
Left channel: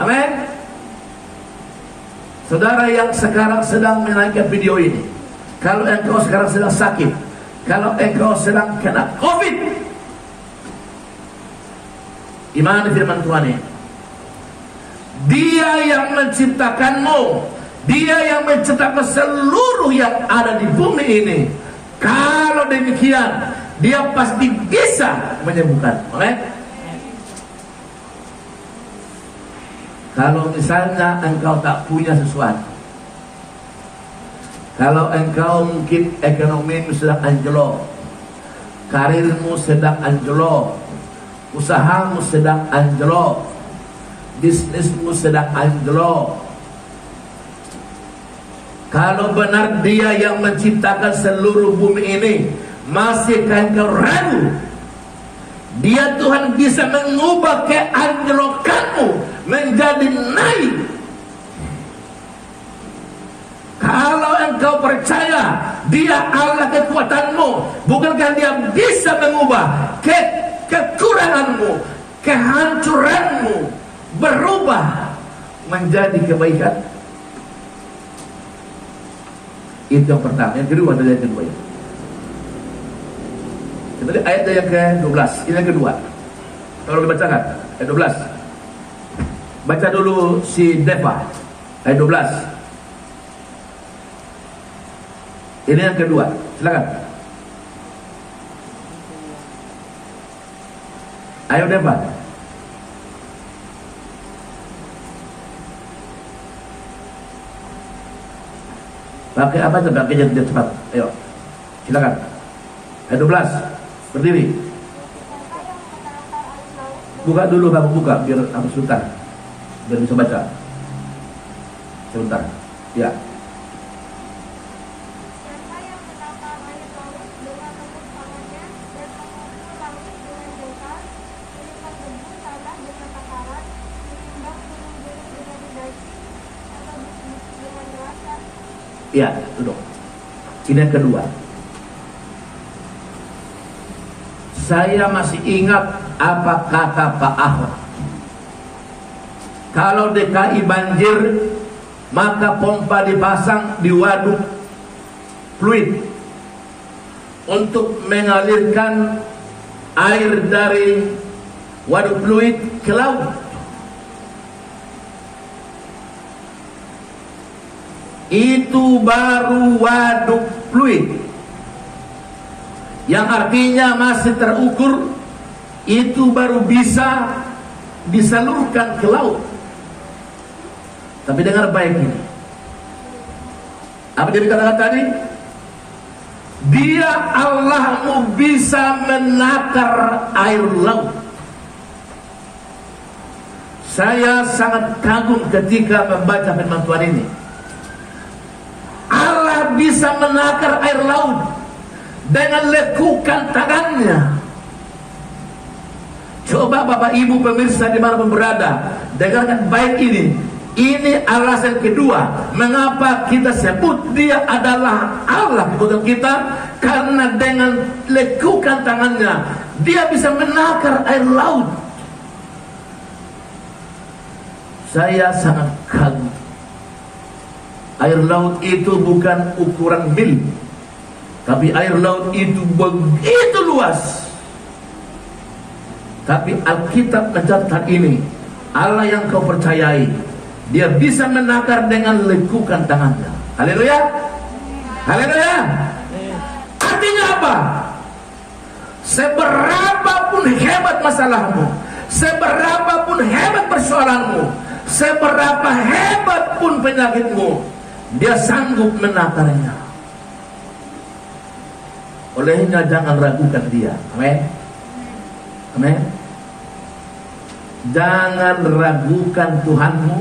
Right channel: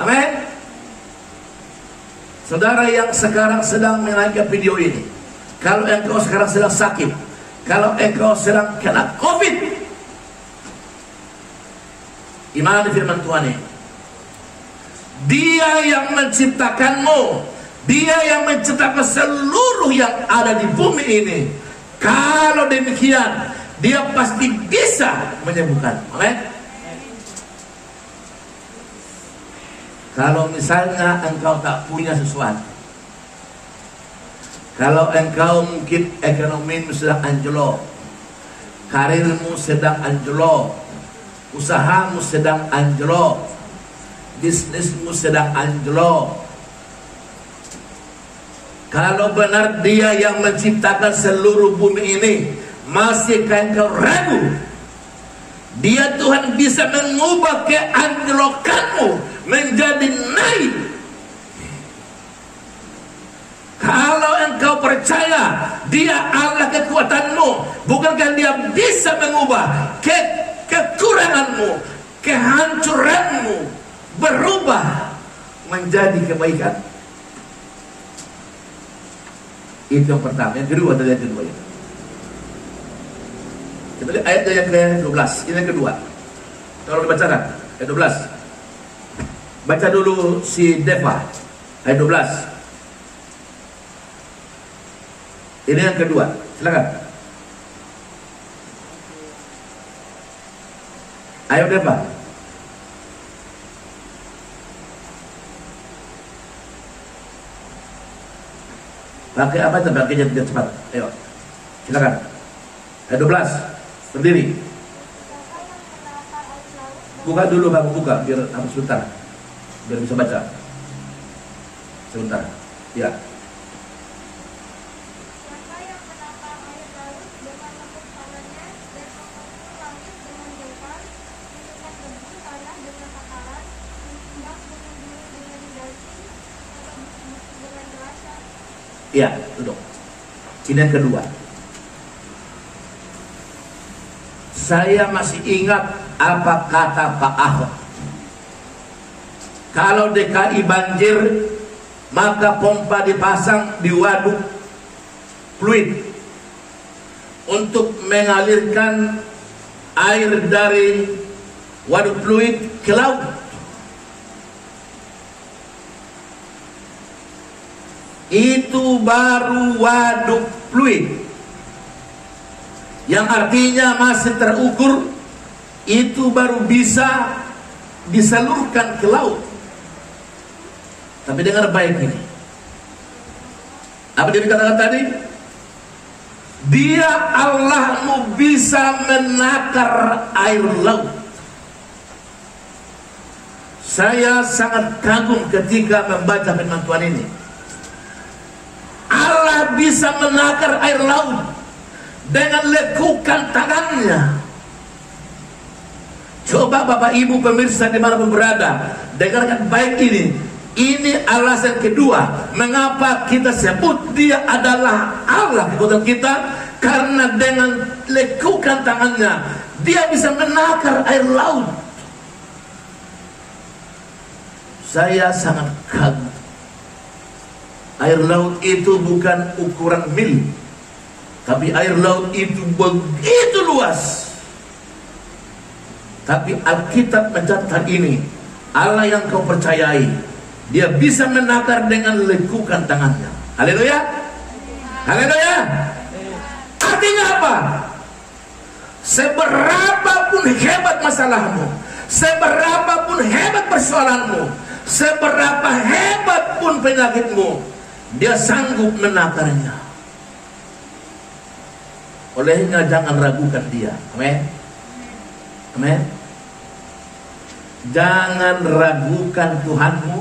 Amin. Saudara yang sekarang sedang menonton video ini, kalau engkau sekarang sedang sakit, kalau engkau sedang kena COVID, imani firman Tuhan ini, dia yang menciptakanmu, dia yang menciptakan seluruh yang ada di bumi ini. Kalau demikian, dia pasti bisa menyembuhkan. Amin. Kalau misalnya engkau tak punya sesuatu, kalau engkau mungkin ekonomimu sedang anjlok, karirmu sedang anjlok, usahamu sedang anjlok, bisnismu sedang anjlok, kalau benar dia yang menciptakan seluruh bumi ini, masihkah engkau ragu? Dia Tuhan bisa mengubah keanjlokanmu menjadi naik. Kalau engkau percaya Dia Allah kekuatanmu. Bukankah dia bisa mengubah kekuranganmu, kehancuranmu, berubah menjadi kebaikan? Itu yang pertama. Yang kedua adalah yang kedua. Kita lihat ayat yang ke-12. Ini yang kedua. Kalau dibacakan ayat 12. Baca dulu si Deva ayat 12. Ini yang kedua. Silakan. Ayo Deva. Pakai apa tuh? Pakai jam cepat. Ayo. Silakan. Ayat 12. Berdiri. Buka dulu, Bapak, buka biar harus sebentar. Biar bisa baca. Sebentar. Ya. Ya, duduk. Ini yang kedua. Saya masih ingat apa kata Pak Ahok. Kalau DKI banjir, maka pompa dipasang di waduk fluid untuk mengalirkan air dari waduk fluid ke laut. Itu baru waduk fluid, yang artinya masih terukur. Itu baru bisa disalurkan ke laut. Tapi dengar baik ini, apa dia katakan tadi? Dia Allahmu bisa menakar air laut. Saya sangat kagum ketika membaca firman Tuhan ini. Allah bisa menakar air laut dengan lekukan tangannya. Coba Bapak Ibu pemirsa dimanapun berada, dengarkan baik ini. Ini alasan kedua mengapa kita sebut dia adalah Allah kekuatan kita, karena dengan lekukan tangannya dia bisa menakar air laut. Saya sangat kagum. Air laut itu bukan ukuran mil, tapi air laut itu begitu luas. Tapi Alkitab mencatat ini, Allah yang kau percayai, dia bisa menakar dengan lekukan tangannya. Haleluya. Haleluya. Artinya apa? Seberapapun hebat masalahmu, seberapapun hebat persoalanmu, seberapa hebat pun penyakitmu, dia sanggup menakarnya. Olehnya jangan ragukan dia. Amin. Amin. Jangan ragukan Tuhanmu.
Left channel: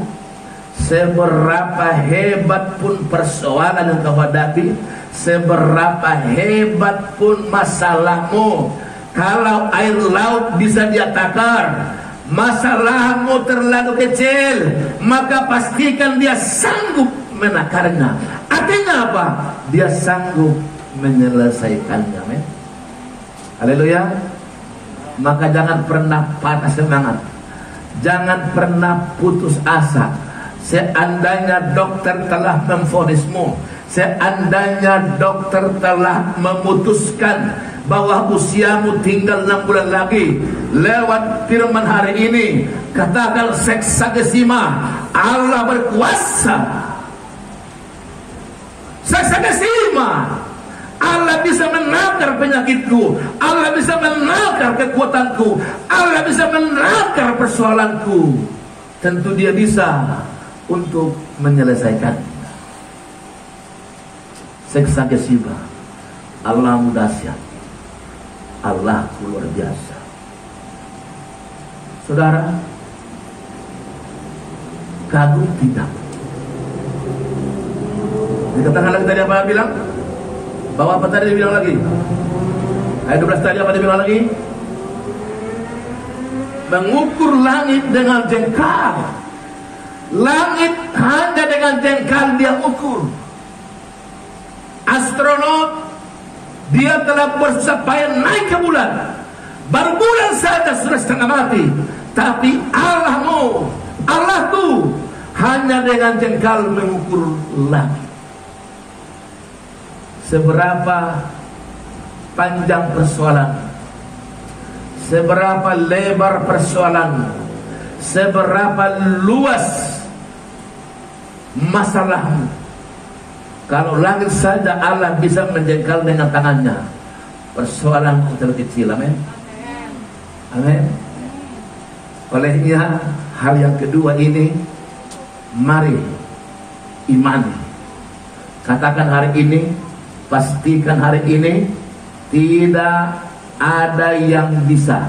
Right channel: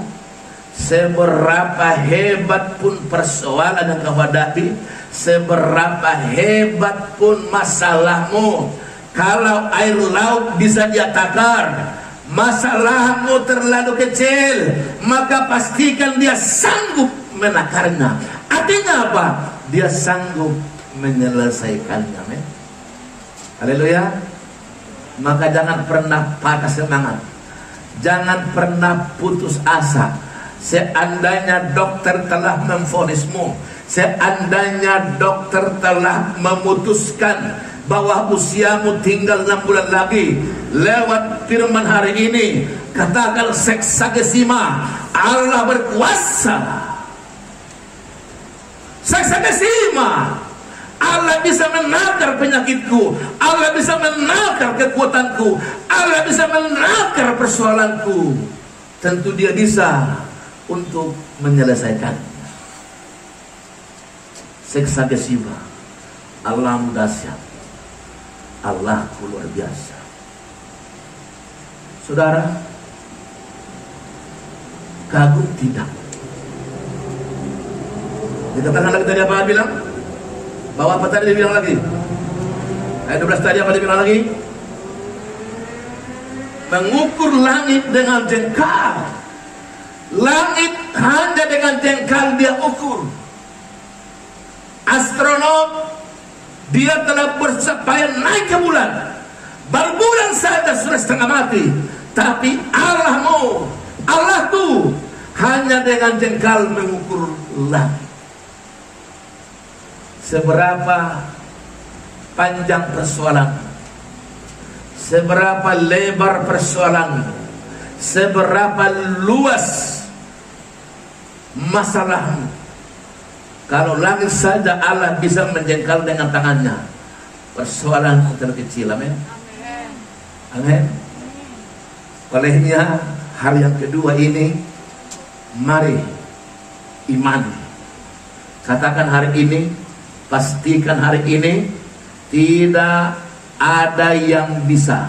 Seberapa hebat pun persoalan yang kau hadapi, seberapa hebat pun masalahmu, kalau air laut bisa dia takar, masalahmu terlalu kecil, maka pastikan dia sanggup menakarnya. Artinya apa? Dia sanggup menyelesaikannya. Amin. Haleluya. Maka jangan pernah patah semangat, jangan pernah putus asa. Seandainya dokter telah memvonismu, seandainya dokter telah memutuskan bahwa usiamu tinggal 6 bulan lagi, lewat firman hari ini katakan seksagesima, Allah berkuasa. Seksagesima, Allah bisa menakar penyakitku, Allah bisa menakar kekuatanku, Allah bisa menakar persoalanku. Tentu dia bisa untuk menyelesaikan. Seksagesima, Allah dahsyat, Allah luar biasa. Saudara, kagum tidak? Dikatakan lagi tadi apa bilang? Bahwa apa tadi dia bilang lagi? Ayat 12 tadi apa dia bilang lagi? Mengukur langit dengan jengkal. Langit hanya dengan jengkal dia ukur. astronot, dia telah bersusah payah naik ke bulan. Baru bulan saja sudah setengah mati. Tapi Allahmu, Allahku hanya dengan jengkal mengukur langit. Seberapa panjang persoalan, seberapa lebar persoalan, seberapa luas masalahmu, kalau langit saja Allah bisa menjengkal dengan tangannya, persoalan terkecil. Amin. Amin. Olehnya hal yang kedua ini, mari imani. Katakan hari ini, pastikan hari ini, tidak ada yang bisa,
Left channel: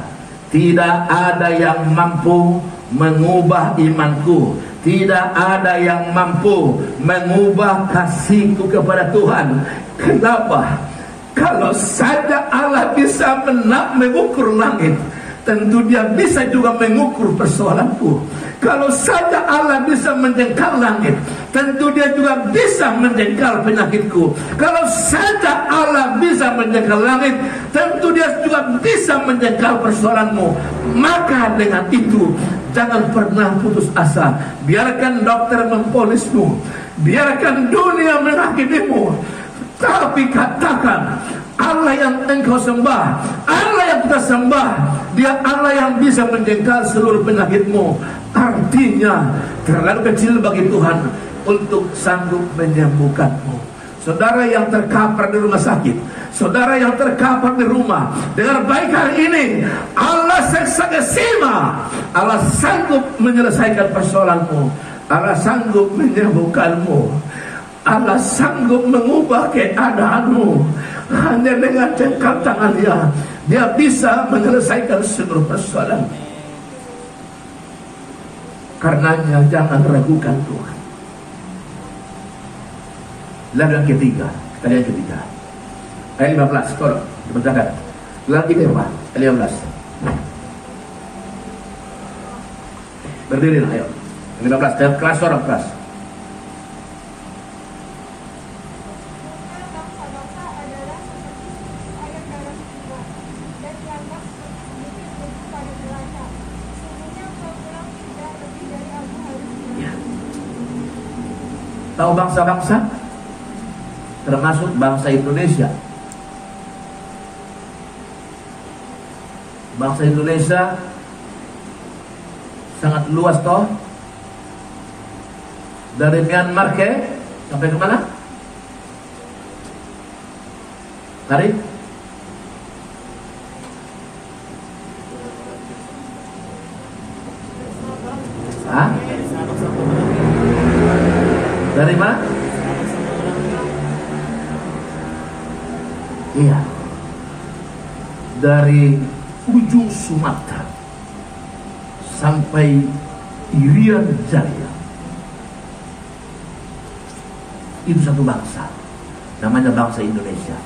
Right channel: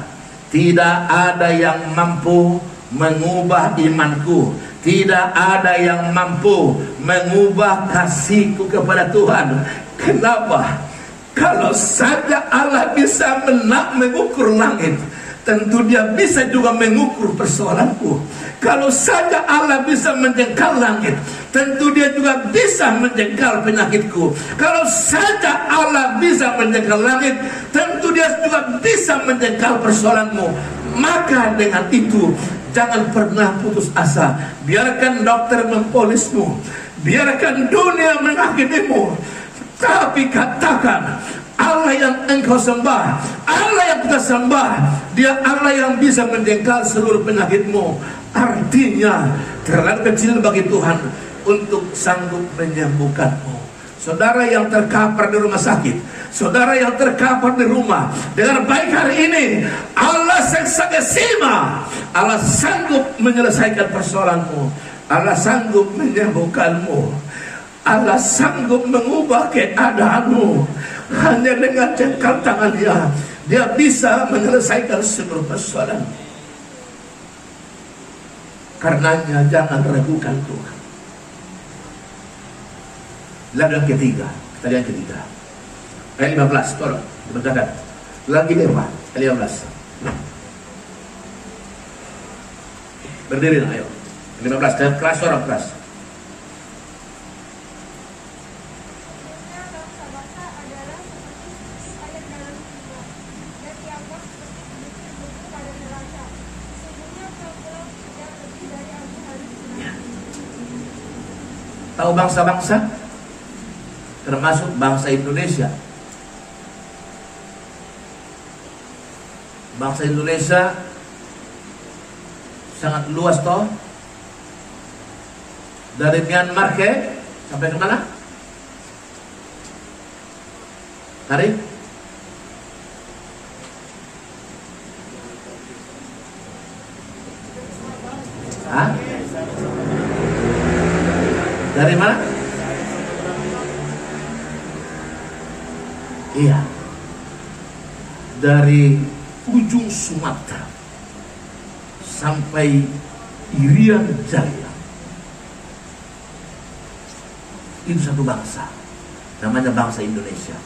tidak ada yang mampu mengubah imanku, tidak ada yang mampu mengubah kasihku kepada Tuhan. Kenapa? Kalau saja Allah bisa mengukur langit, tentu dia bisa juga mengukur persoalanku. Kalau saja Allah bisa menjengkal langit, tentu dia juga bisa menjengkal penyakitku. Kalau saja Allah bisa menjengkal langit, tentu dia juga bisa menjengkal persoalanmu. Maka dengan itu, jangan pernah putus asa. Biarkan dokter mempolismu, biarkan dunia menghakimimu, tapi katakan, Allah yang engkau sembah, Allah yang kita sembah, dia Allah yang bisa menjengkal seluruh penyakitmu. Artinya terlalu kecil bagi Tuhan untuk sanggup menyembuhkanmu. Saudara yang terkapar di rumah sakit, saudara yang terkapar di rumah, dengar baik hari ini, Allah seksama, Allah sanggup menyelesaikan persoalanmu, Allah sanggup menyembuhkanmu, Allah sanggup mengubah keadaanmu. Hanya dengan jengkal tangannya, dia bisa menyelesaikan seluruh persoalan. Karenanya jangan ragukan Tuhan. Lalu yang ketiga, ayat 15, tolong dibacakan lagi deh Pak, ayat 15. Berdiri, ayo. 15, keras orang keras. Tahu bangsa-bangsa, termasuk bangsa Indonesia. Bangsa Indonesia sangat luas toh. Dari Myanmar sampai ke mana? Hari? Hah? Dari mana? Iya, dari ujung Sumatera sampai Irian Jaya. Itu satu bangsa, namanya bangsa Indonesia.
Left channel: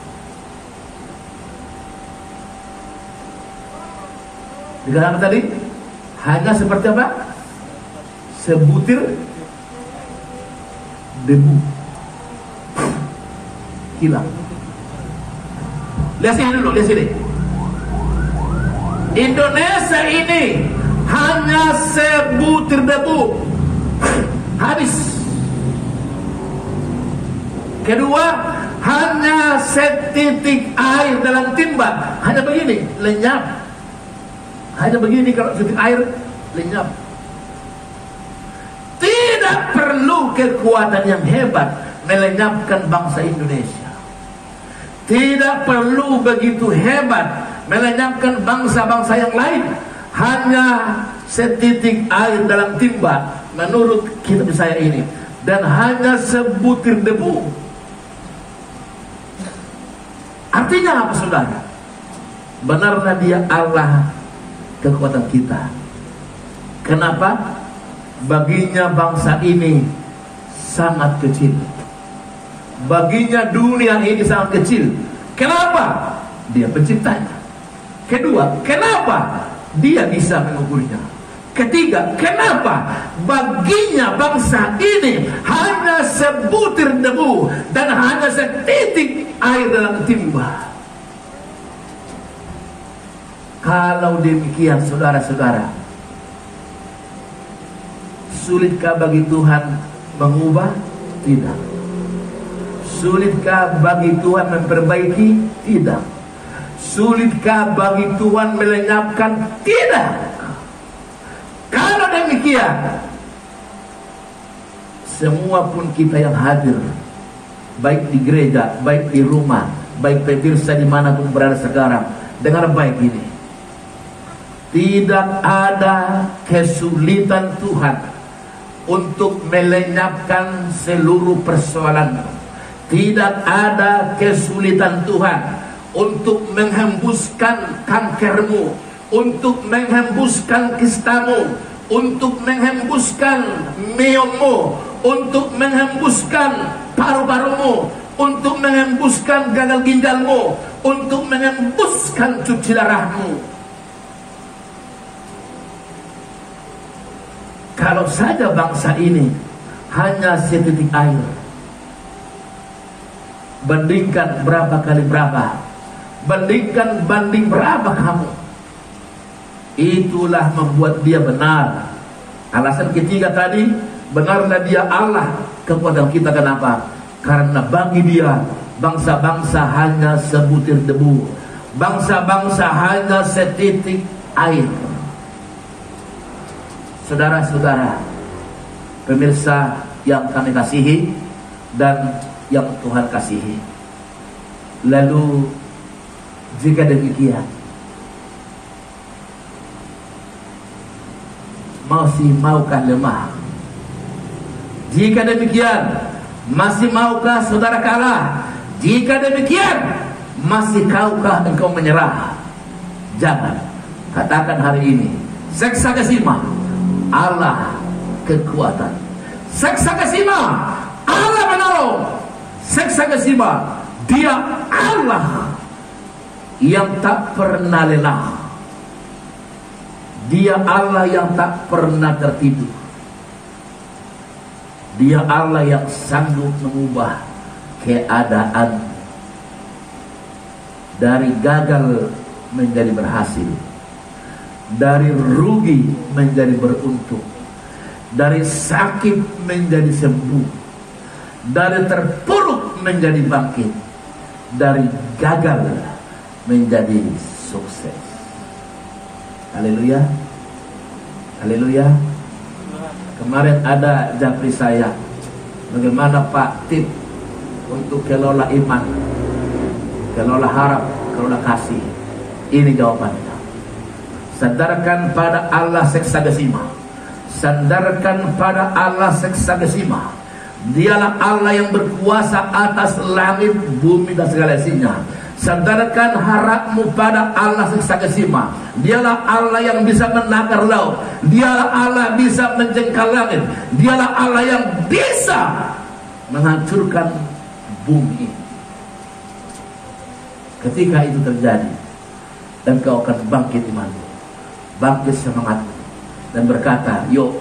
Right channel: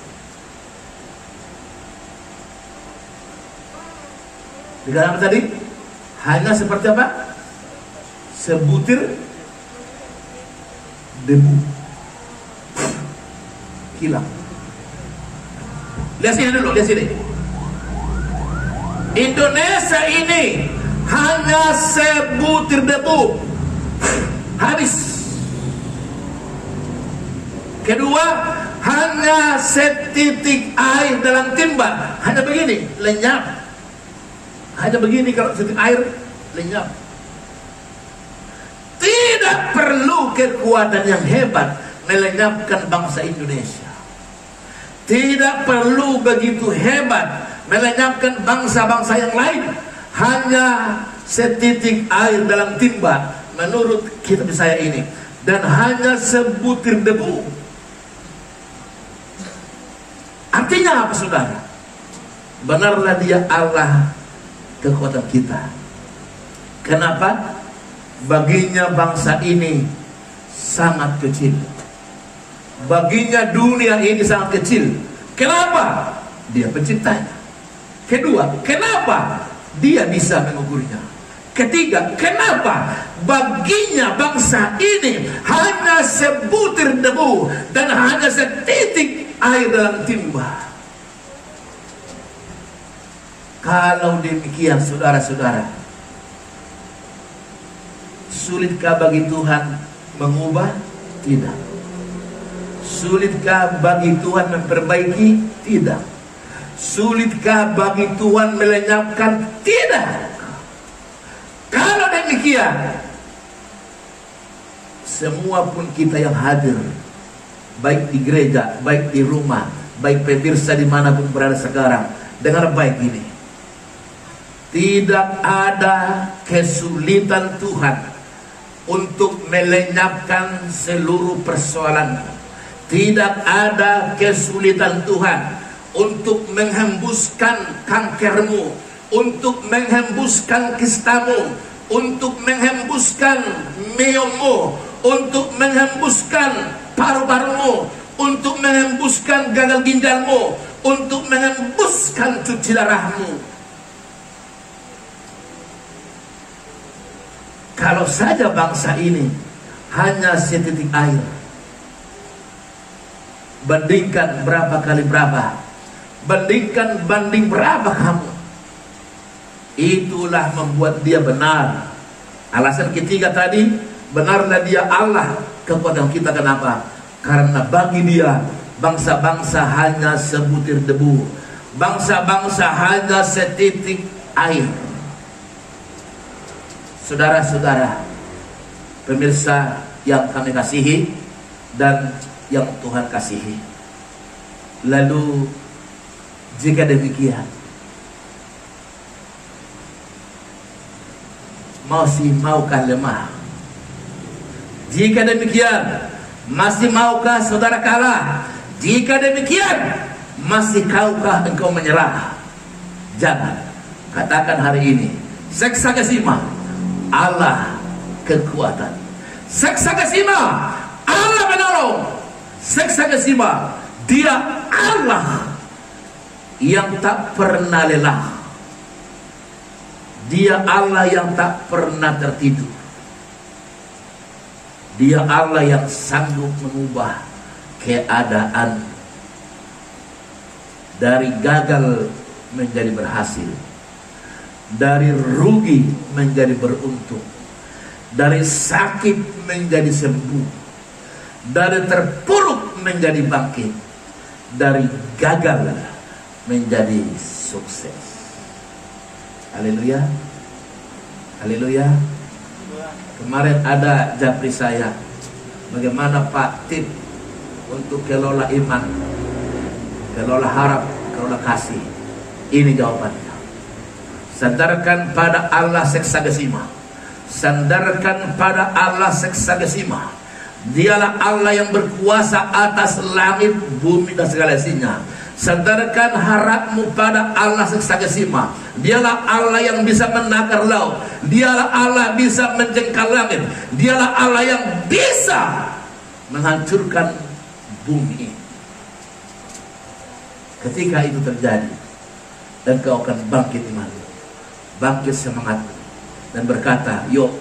Di dalam tadi hanya seperti apa? Sebutir debu hilang. Lihat sini dulu, lihat sini. Indonesia ini hanya sebutir debu, habis. Kedua, hanya setitik air dalam timba, hanya begini, lenyap. Hanya begini kalau setitik air lenyap. Tidak perlu kekuatan yang hebat melenyapkan bangsa Indonesia. Tidak perlu begitu hebat melenyapkan bangsa-bangsa yang lain. Hanya setitik air dalam timba menurut kitab saya ini, dan hanya sebutir debu. Artinya apa saudara? Benarlah dia Allah kekuatan kita. Kenapa? Baginya bangsa ini sangat kecil. Baginya dunia ini sangat kecil. Kenapa? Dia penciptanya. Kedua, kenapa? Dia bisa mengukurnya. Ketiga, kenapa? Baginya bangsa ini hanya sebutir debu dan hanya setitik air dalam timba. Kalau demikian saudara-saudara, sulitkah bagi Tuhan mengubah? Tidak. Sulitkah bagi Tuhan memperbaiki? Tidak. Sulitkah bagi Tuhan melenyapkan? Tidak. Kalau demikian, semua pun kita yang hadir, baik di gereja, baik di rumah, baik pemirsa dimanapun berada sekarang, dengar baik ini. Tidak ada kesulitan Tuhan untuk melenyapkan seluruh persoalan. Tidak ada kesulitan Tuhan untuk menghembuskan kankermu, untuk menghembuskan kistamu, untuk menghembuskan miommu, untuk menghembuskan paru-parumu, untuk menghembuskan gagal ginjalmu, untuk menghembuskan cuci darahmu. Kalau saja bangsa ini hanya setitik air, bandingkan berapa kali berapa, bandingkan banding berapa kamu, itulah membuat dia benar. Alasan ketiga tadi, benarlah dia Allah kepada kita. Kenapa? Karena bagi dia bangsa-bangsa hanya sebutir debu, bangsa-bangsa hanya setitik air. Saudara-saudara, pemirsa yang kami kasihi dan yang Tuhan kasihi, lalu jika demikian, masih maukah lemah? Jika demikian, masih maukah saudara kalah? Jika demikian, masih kaukah engkau menyerah? Jangan. Katakan hari ini, Seksagesima, Allah kekuatan. Seksagesima, Allah menolong. Seksagesima, dia Allah yang tak pernah lelah. Dia Allah yang tak pernah tertidur. Dia Allah yang sanggup mengubah keadaan dari gagal menjadi berhasil, dari rugi menjadi beruntung, dari sakit menjadi sembuh, dari terpuruk menjadi bangkit, dari gagal menjadi sukses. Haleluya, haleluya. Kemarin ada japri saya, bagaimana Pak tip untuk kelola iman, kelola harap, kelola kasih. Ini jawabannya. Sandarkan pada Allah Seksagesima. Sandarkan pada Allah Seksagesima. Dialah Allah yang berkuasa atas langit, bumi dan segala isinya. Sandarkan harapmu pada Allah Seksagesima. Dialah Allah yang bisa menakar laut. Dialah Allah bisa menjengkal langit. Dialah Allah yang bisa menghancurkan bumi. Ketika itu terjadi, dan kau akan bangkit imanmu, bangkit semangat, dan berkata, yuk,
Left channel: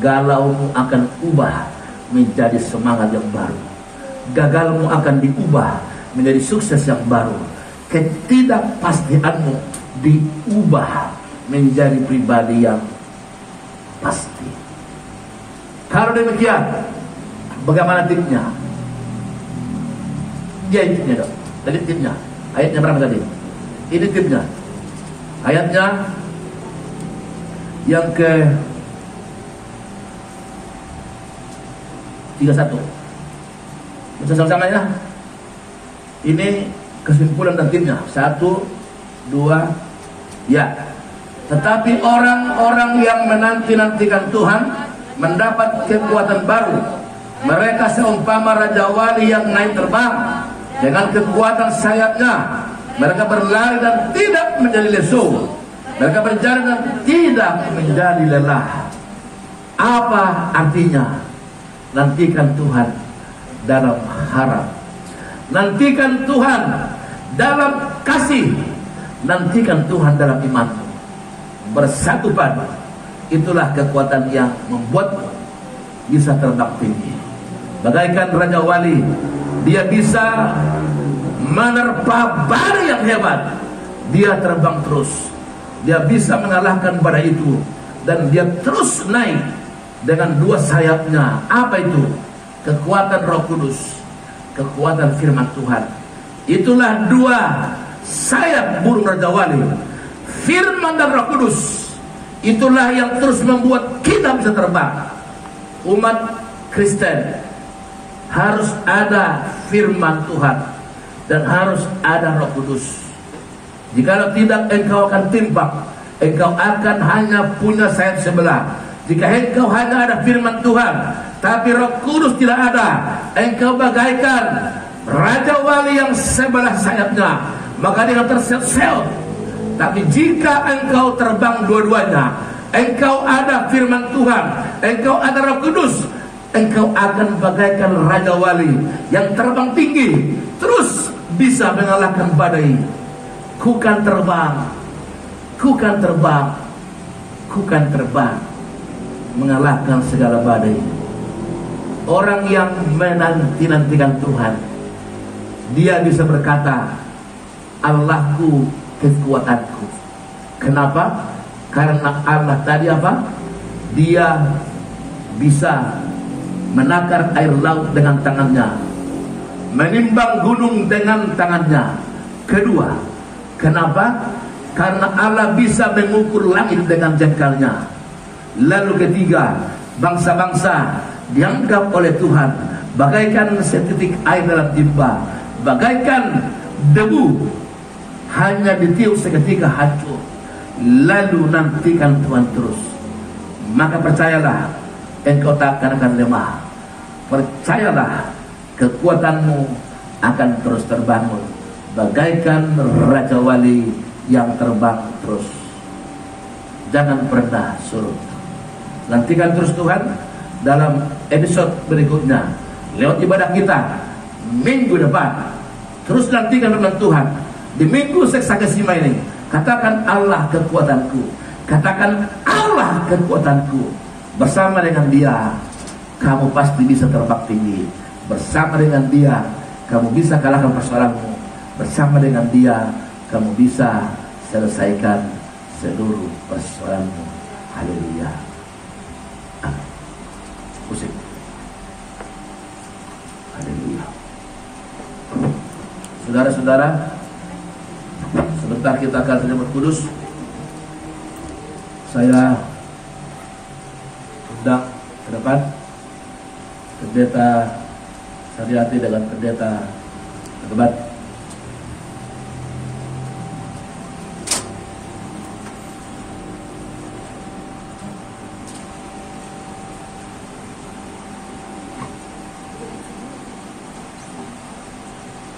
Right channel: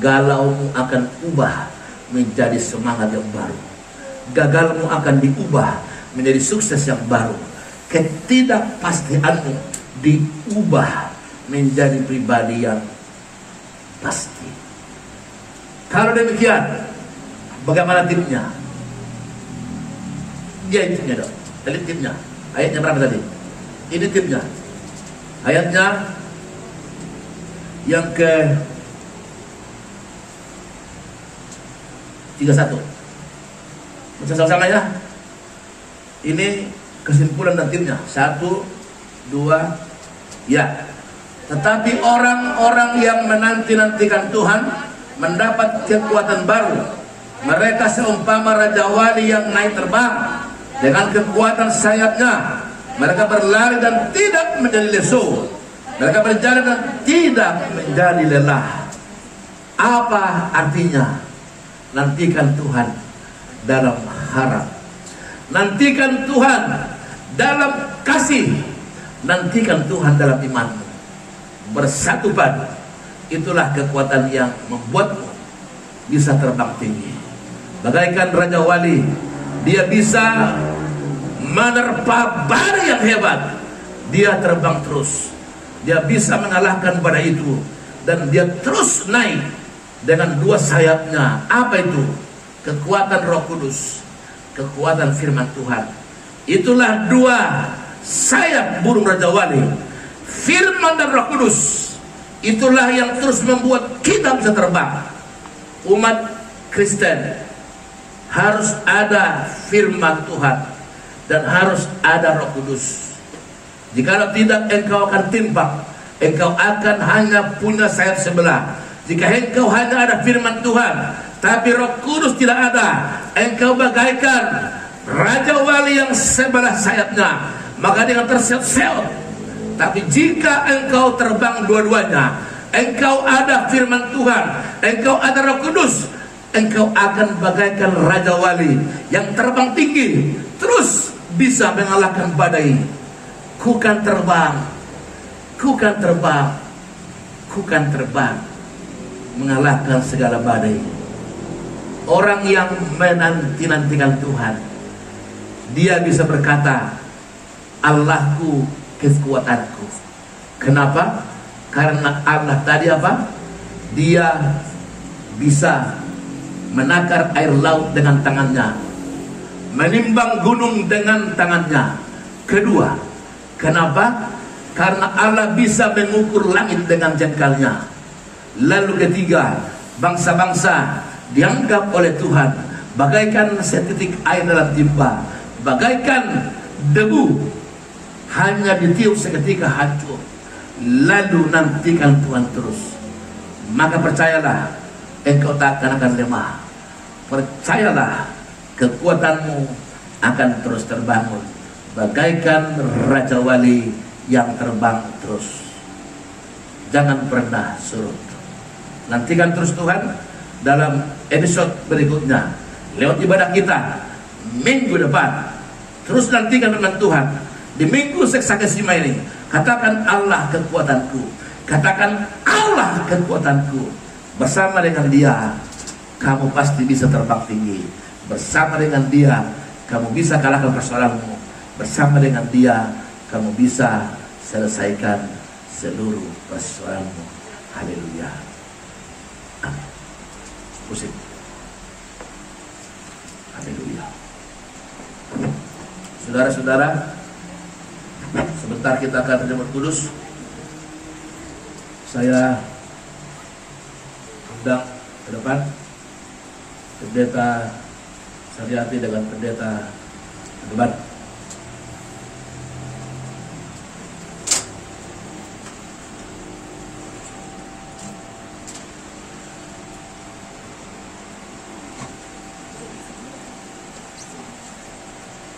galaumu akan ubah menjadi semangat yang baru. Gagalmu akan diubah menjadi sukses yang baru. Ketidakpastianmu diubah menjadi pribadi yang pasti. Kalau demikian, bagaimana tipnya? Dia tipnya dong. Jadi tipnya, ayatnya berapa tadi? Ini tipnya. Ayatnya yang ke 31. Bersama-sama ya. Ini kesimpulan dan timnya. 1, 2, ya. Tetapi orang-orang yang menanti-nantikan Tuhan mendapat kekuatan baru. Mereka seumpama raja wali yang naik terbang dengan kekuatan sayapnya. Mereka berlari dan tidak menjadi lesu. Mereka berjalan dan tidak menjadi lelah. Apa artinya? Nantikan Tuhan dalam harap. Nantikan Tuhan dalam kasih. Nantikan Tuhan dalam iman. Bersatu padu. Itulah kekuatan yang membuatmu bisa terbang tinggi. Bagaikan Raja Wali, dia bisa menerpa badai yang hebat, dia terbang terus. Dia bisa mengalahkan badai itu, dan dia terus naik dengan dua sayapnya. Apa itu? Kekuatan Roh Kudus, kekuatan firman Tuhan. Itulah dua sayap burung Raja Wali, firman dan Roh Kudus. Itulah yang terus membuat kita bisa terbang. Umat Kristen harus ada firman Tuhan dan harus ada Roh Kudus. Jika tidak, engkau akan timpang. Engkau akan hanya punya sayap sebelah. Jika engkau hanya ada firman Tuhan tapi Roh Kudus tidak ada, engkau bagaikan Raja Wali yang sebelah sayapnya, maka dia terseok-seok. Tapi jika engkau terbang dua-duanya, engkau ada firman Tuhan, engkau ada Roh Kudus, engkau akan bagaikan Raja Wali yang terbang tinggi, terus bisa mengalahkan badai. Ku kan terbang, ku kan terbang, ku kan terbang, mengalahkan segala badai. Orang yang menanti-nantikan Tuhan, dia bisa berkata, Allahku kekuatanku. Kenapa? Karena Allah tadi apa? Dia bisa menakar air laut dengan tangannya, menimbang gunung dengan tangannya. Kedua, kenapa? Karena Allah bisa mengukur langit dengan jengkalnya. Lalu ketiga, bangsa-bangsa dianggap oleh Tuhan bagaikan setitik air dalam timba, bagaikan debu, hanya ditiup seketika hancur. Lalu nantikan Tuhan terus. Maka percayalah, engkau tak akan lemah. Percayalah, kekuatanmu akan terus terbangun bagaikan Raja Wali yang terbang terus. Jangan pernah surut. Nantikan terus Tuhan dalam episode berikutnya lewat ibadah kita minggu depan. Terus nantikan firman Tuhan di minggu Seksakesima ini. Katakan Allah kekuatanku, katakan Allah kekuatanku. Bersama dengan Dia kamu pasti bisa terbang tinggi. Bersama dengan Dia kamu bisa kalahkan persoalanmu. Bersama dengan Dia kamu bisa selesaikan seluruh persoalanmu. Haleluya. Amin. Pusing. Haleluya. Saudara-saudara, sebentar kita akan menyambut kudus. Saya undang ke depan Pendeta Sariati dengan Pendeta Berbat.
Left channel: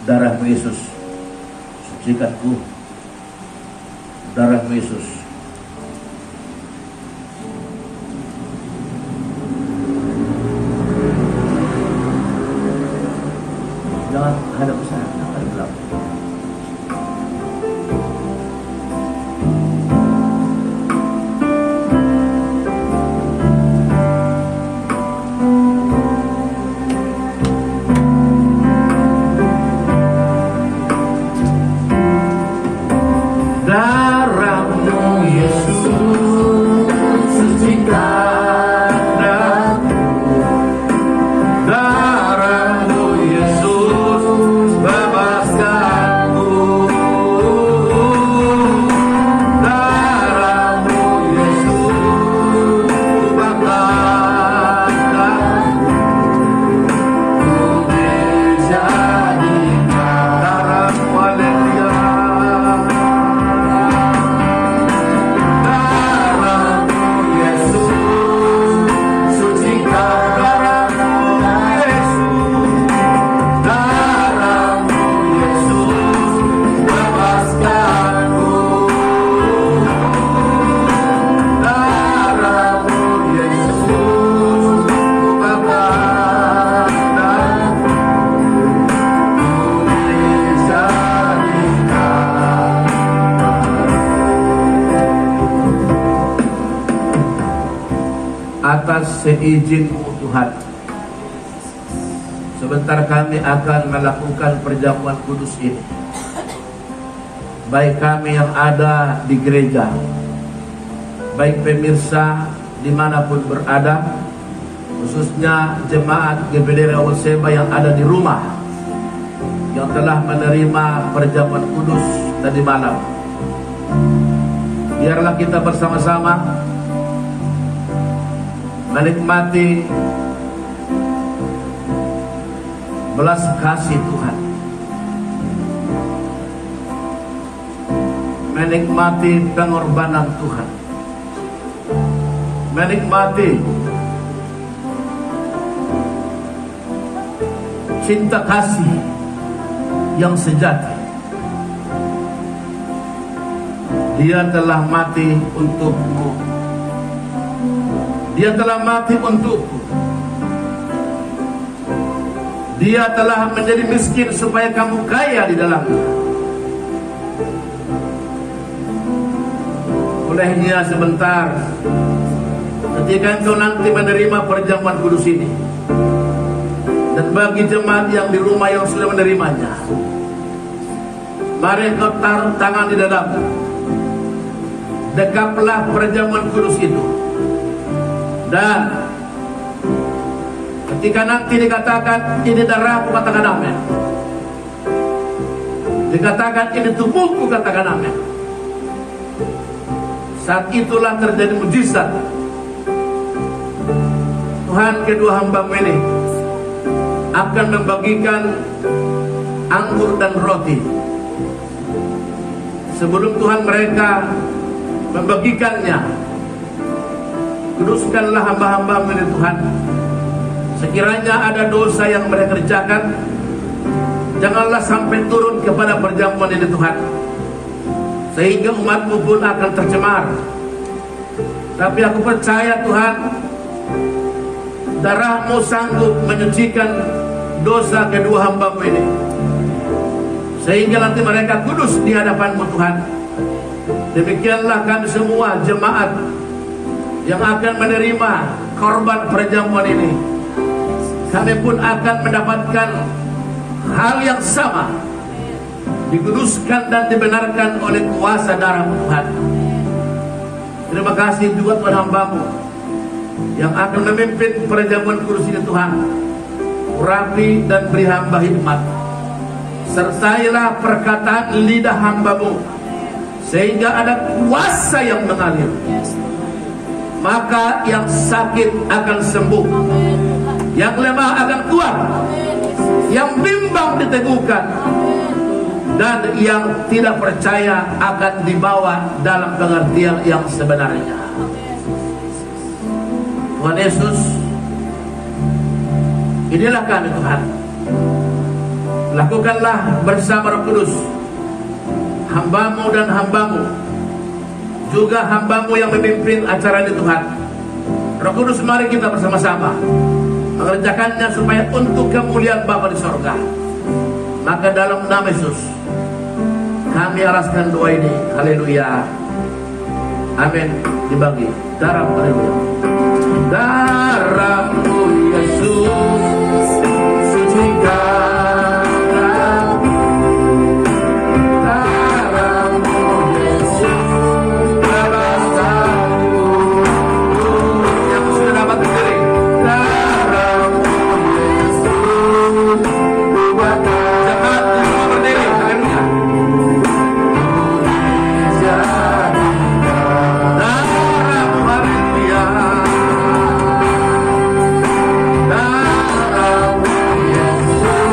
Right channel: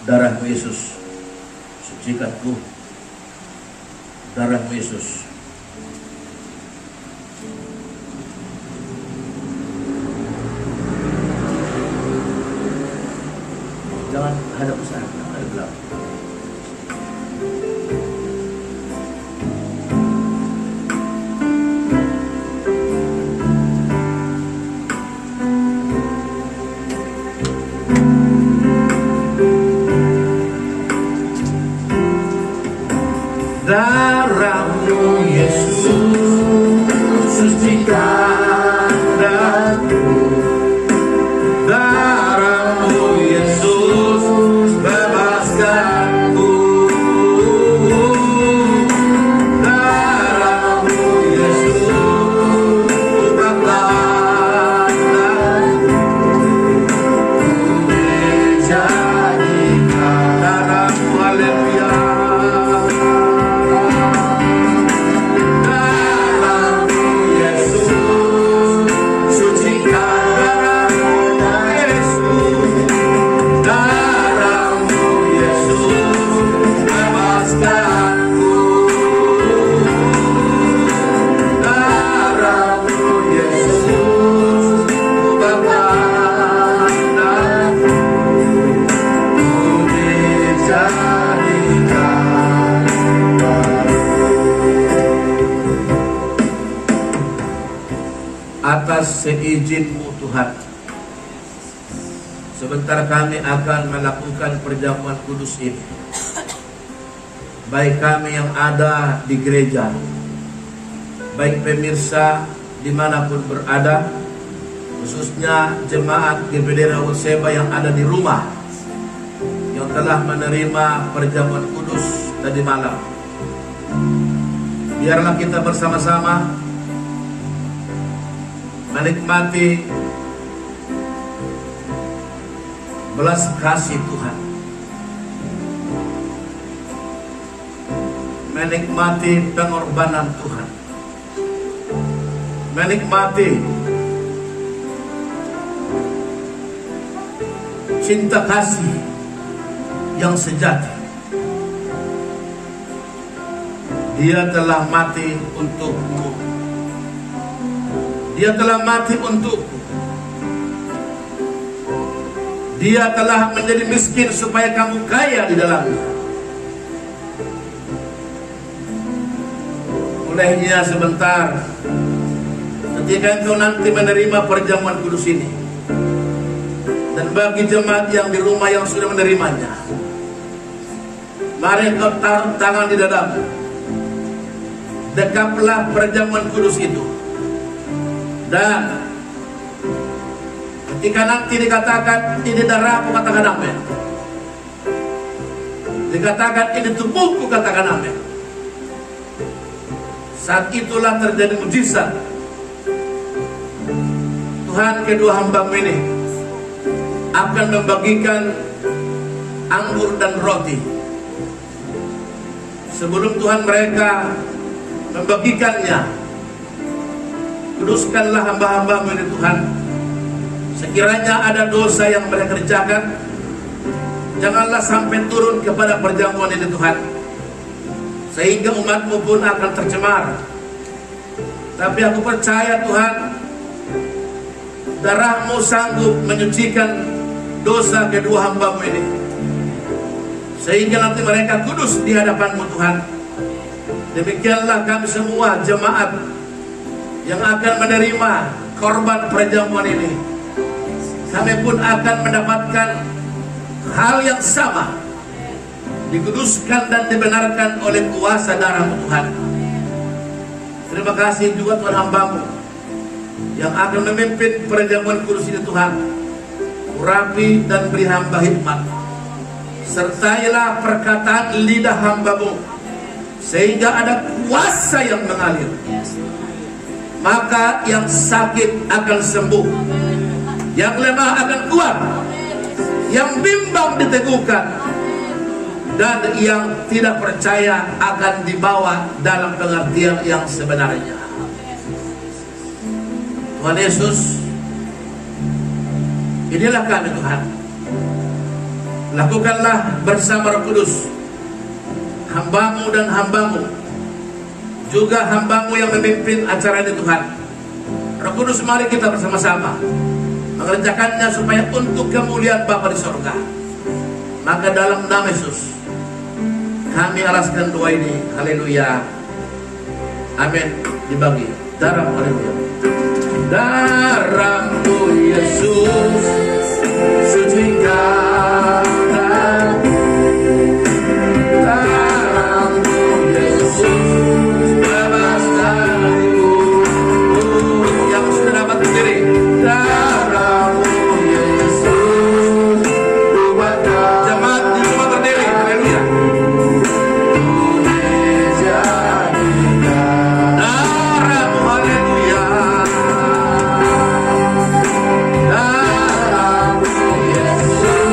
Darahmu Yesus, sucikanku. Darahmu Yesus, jangan hadap ke sana, hadap ke belakang. Atas seizin-Mu Tuhan, sebentar kami akan melakukan perjamuan kudus ini. Baik kami yang ada di gereja, baik pemirsa dimanapun berada, khususnya jemaat GPD Raul Seba yang ada di rumah, yang telah menerima perjamuan kudus tadi malam. Biarlah kita bersama-sama menikmati belas kasih Tuhan, menikmati pengorbanan Tuhan, menikmati cinta kasih yang sejati. Dia telah mati untukmu. Dia telah mati untukku. Dia telah menjadi miskin supaya kamu kaya di dalamnya. Olehnya sebentar, ketika engkau nanti menerima perjamuan kudus ini, dan bagi jemaat yang di rumah yang sudah menerimanya, mari engkau taruh tangan di dadamu, dekaplah perjamuan kudus itu, dan ketika nanti dikatakan ini darahku, katakan amin. Dikatakan ini tubuhku, katakan amin. Saat itulah terjadi mujizat. Tuhan kedua hamba ini akan membagikan anggur dan roti. Sebelum Tuhan mereka membagikannya, kuduskanlah hamba-hamba-Mu ini Tuhan. Sekiranya ada dosa yang mereka kerjakan, janganlah sampai turun kepada perjamuan ini Tuhan, sehingga umat-Mu pun akan tercemar. Tapi aku percaya Tuhan, darah-Mu sanggup menyucikan dosa kedua hamba-Mu ini, sehingga nanti mereka kudus di hadapan-Mu Tuhan. Demikianlah kami semua jemaat yang akan menerima korban perjamuan ini, kami pun akan mendapatkan hal yang sama, dikuduskan dan dibenarkan oleh kuasa darah-Mu Tuhan. Terima kasih juga Tuhan hamba-Mu yang akan memimpin perjamuan kudus ini Tuhan. Urapi dan beri hamba hikmat. Sertailah perkataan lidah hamba-Mu, sehingga ada kuasa yang mengalir. Maka yang sakit akan sembuh, yang lemah akan kuat, yang bimbang diteguhkan, dan yang tidak percaya akan dibawa dalam pengertian yang sebenarnya. Tuhan Yesus, inilah kami Tuhan. Lakukanlah bersama Roh Kudus, hamba-Mu dan hamba-Mu, juga hamba-Mu yang memimpin acara ini Tuhan. Roh Kudus, mari kita bersama-sama mengerjakannya supaya untuk kemuliaan Bapa di sorga. Maka dalam nama Yesus kami alaskan doa ini. Haleluya. Amin. Dibagi darah, haleluya. Darah-Mu Yesus sucikan. Darah-Mu Yesus bebaskanku. Yang sudah dapat berdiri. Darah-Mu Yesus ubahkan. Jemaat semua berdiri. Haleluya. Darah-Mu, haleluya. Darah-Mu Yesus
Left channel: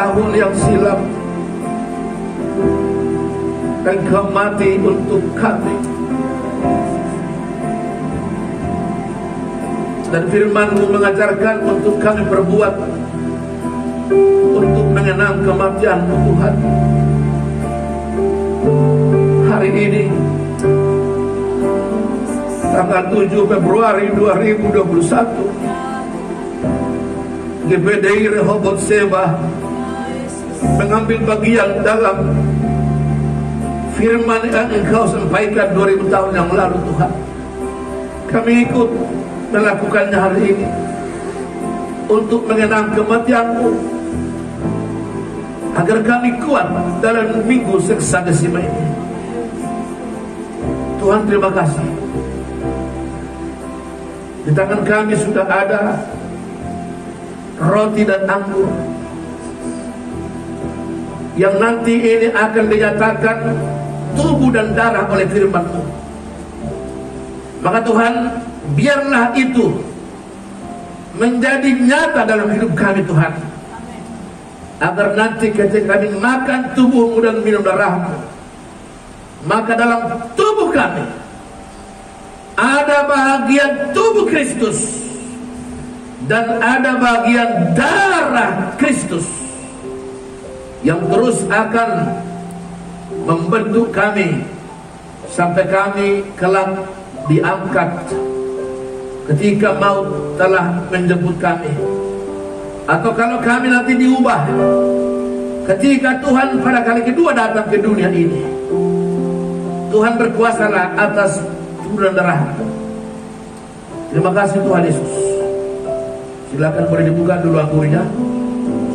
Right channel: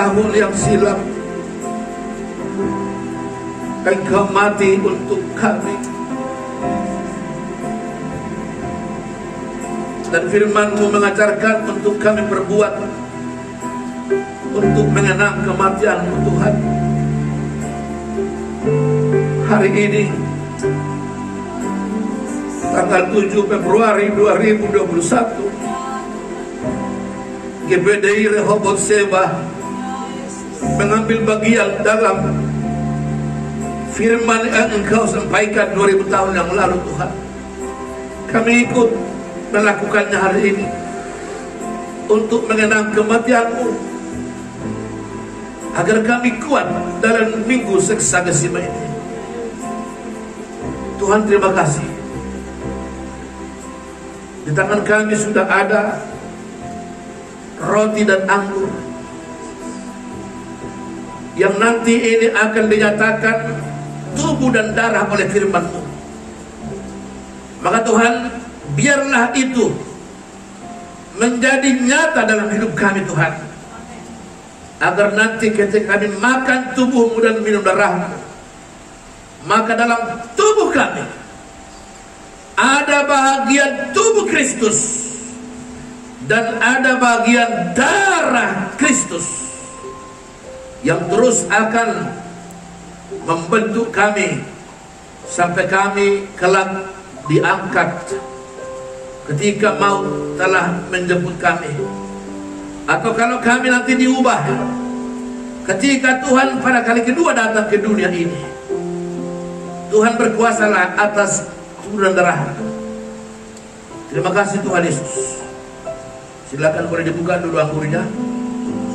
tahun yang silam Engkau mati untuk kami, dan firman-Mu mengajarkan untuk kami berbuat untuk mengenang kematian-Mu Tuhan. Hari ini tanggal 7 Februari 2021, GPDI Rehoboth Sheba mengambil bagian dalam firman yang Engkau sampaikan 2000 tahun yang lalu Tuhan. Kami ikut melakukannya hari ini untuk mengenang kematian-Mu, agar kami kuat dalam minggu seksa Gesima ini. Tuhan, terima kasih. Di tangan kami sudah ada roti dan anggur yang nanti ini akan dinyatakan tubuh dan darah oleh firman-Mu. Maka Tuhan, biarlah itu menjadi nyata dalam hidup kami Tuhan, agar nanti ketika kami makan tubuh-Mu dan minum darah-Mu, maka dalam tubuh kami ada bagian tubuh Kristus dan ada bagian darah Kristus yang terus akan membentuk kami sampai kami kelak diangkat ketika maut telah menjemput kami, atau kalau kami nanti diubah ketika Tuhan pada kali kedua datang ke dunia ini. Tuhan berkuasalah atas tubuh dan darah. Terima kasih Tuhan Yesus. Silakan boleh dibuka dulu anggurnya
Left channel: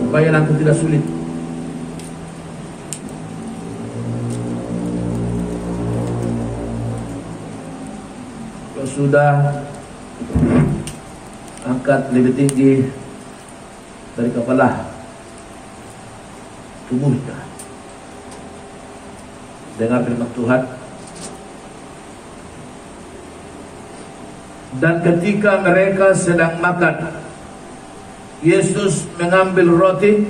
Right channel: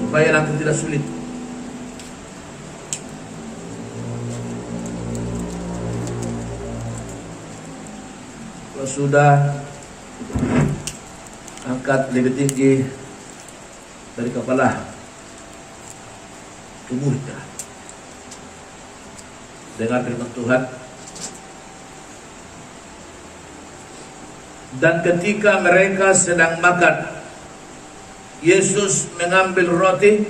supaya nanti tidak sulit. Kalau sudah, angkat lebih tinggi dari kepala tubuh kita. Dengar firman Tuhan. Dan ketika mereka sedang makan, Yesus mengambil roti,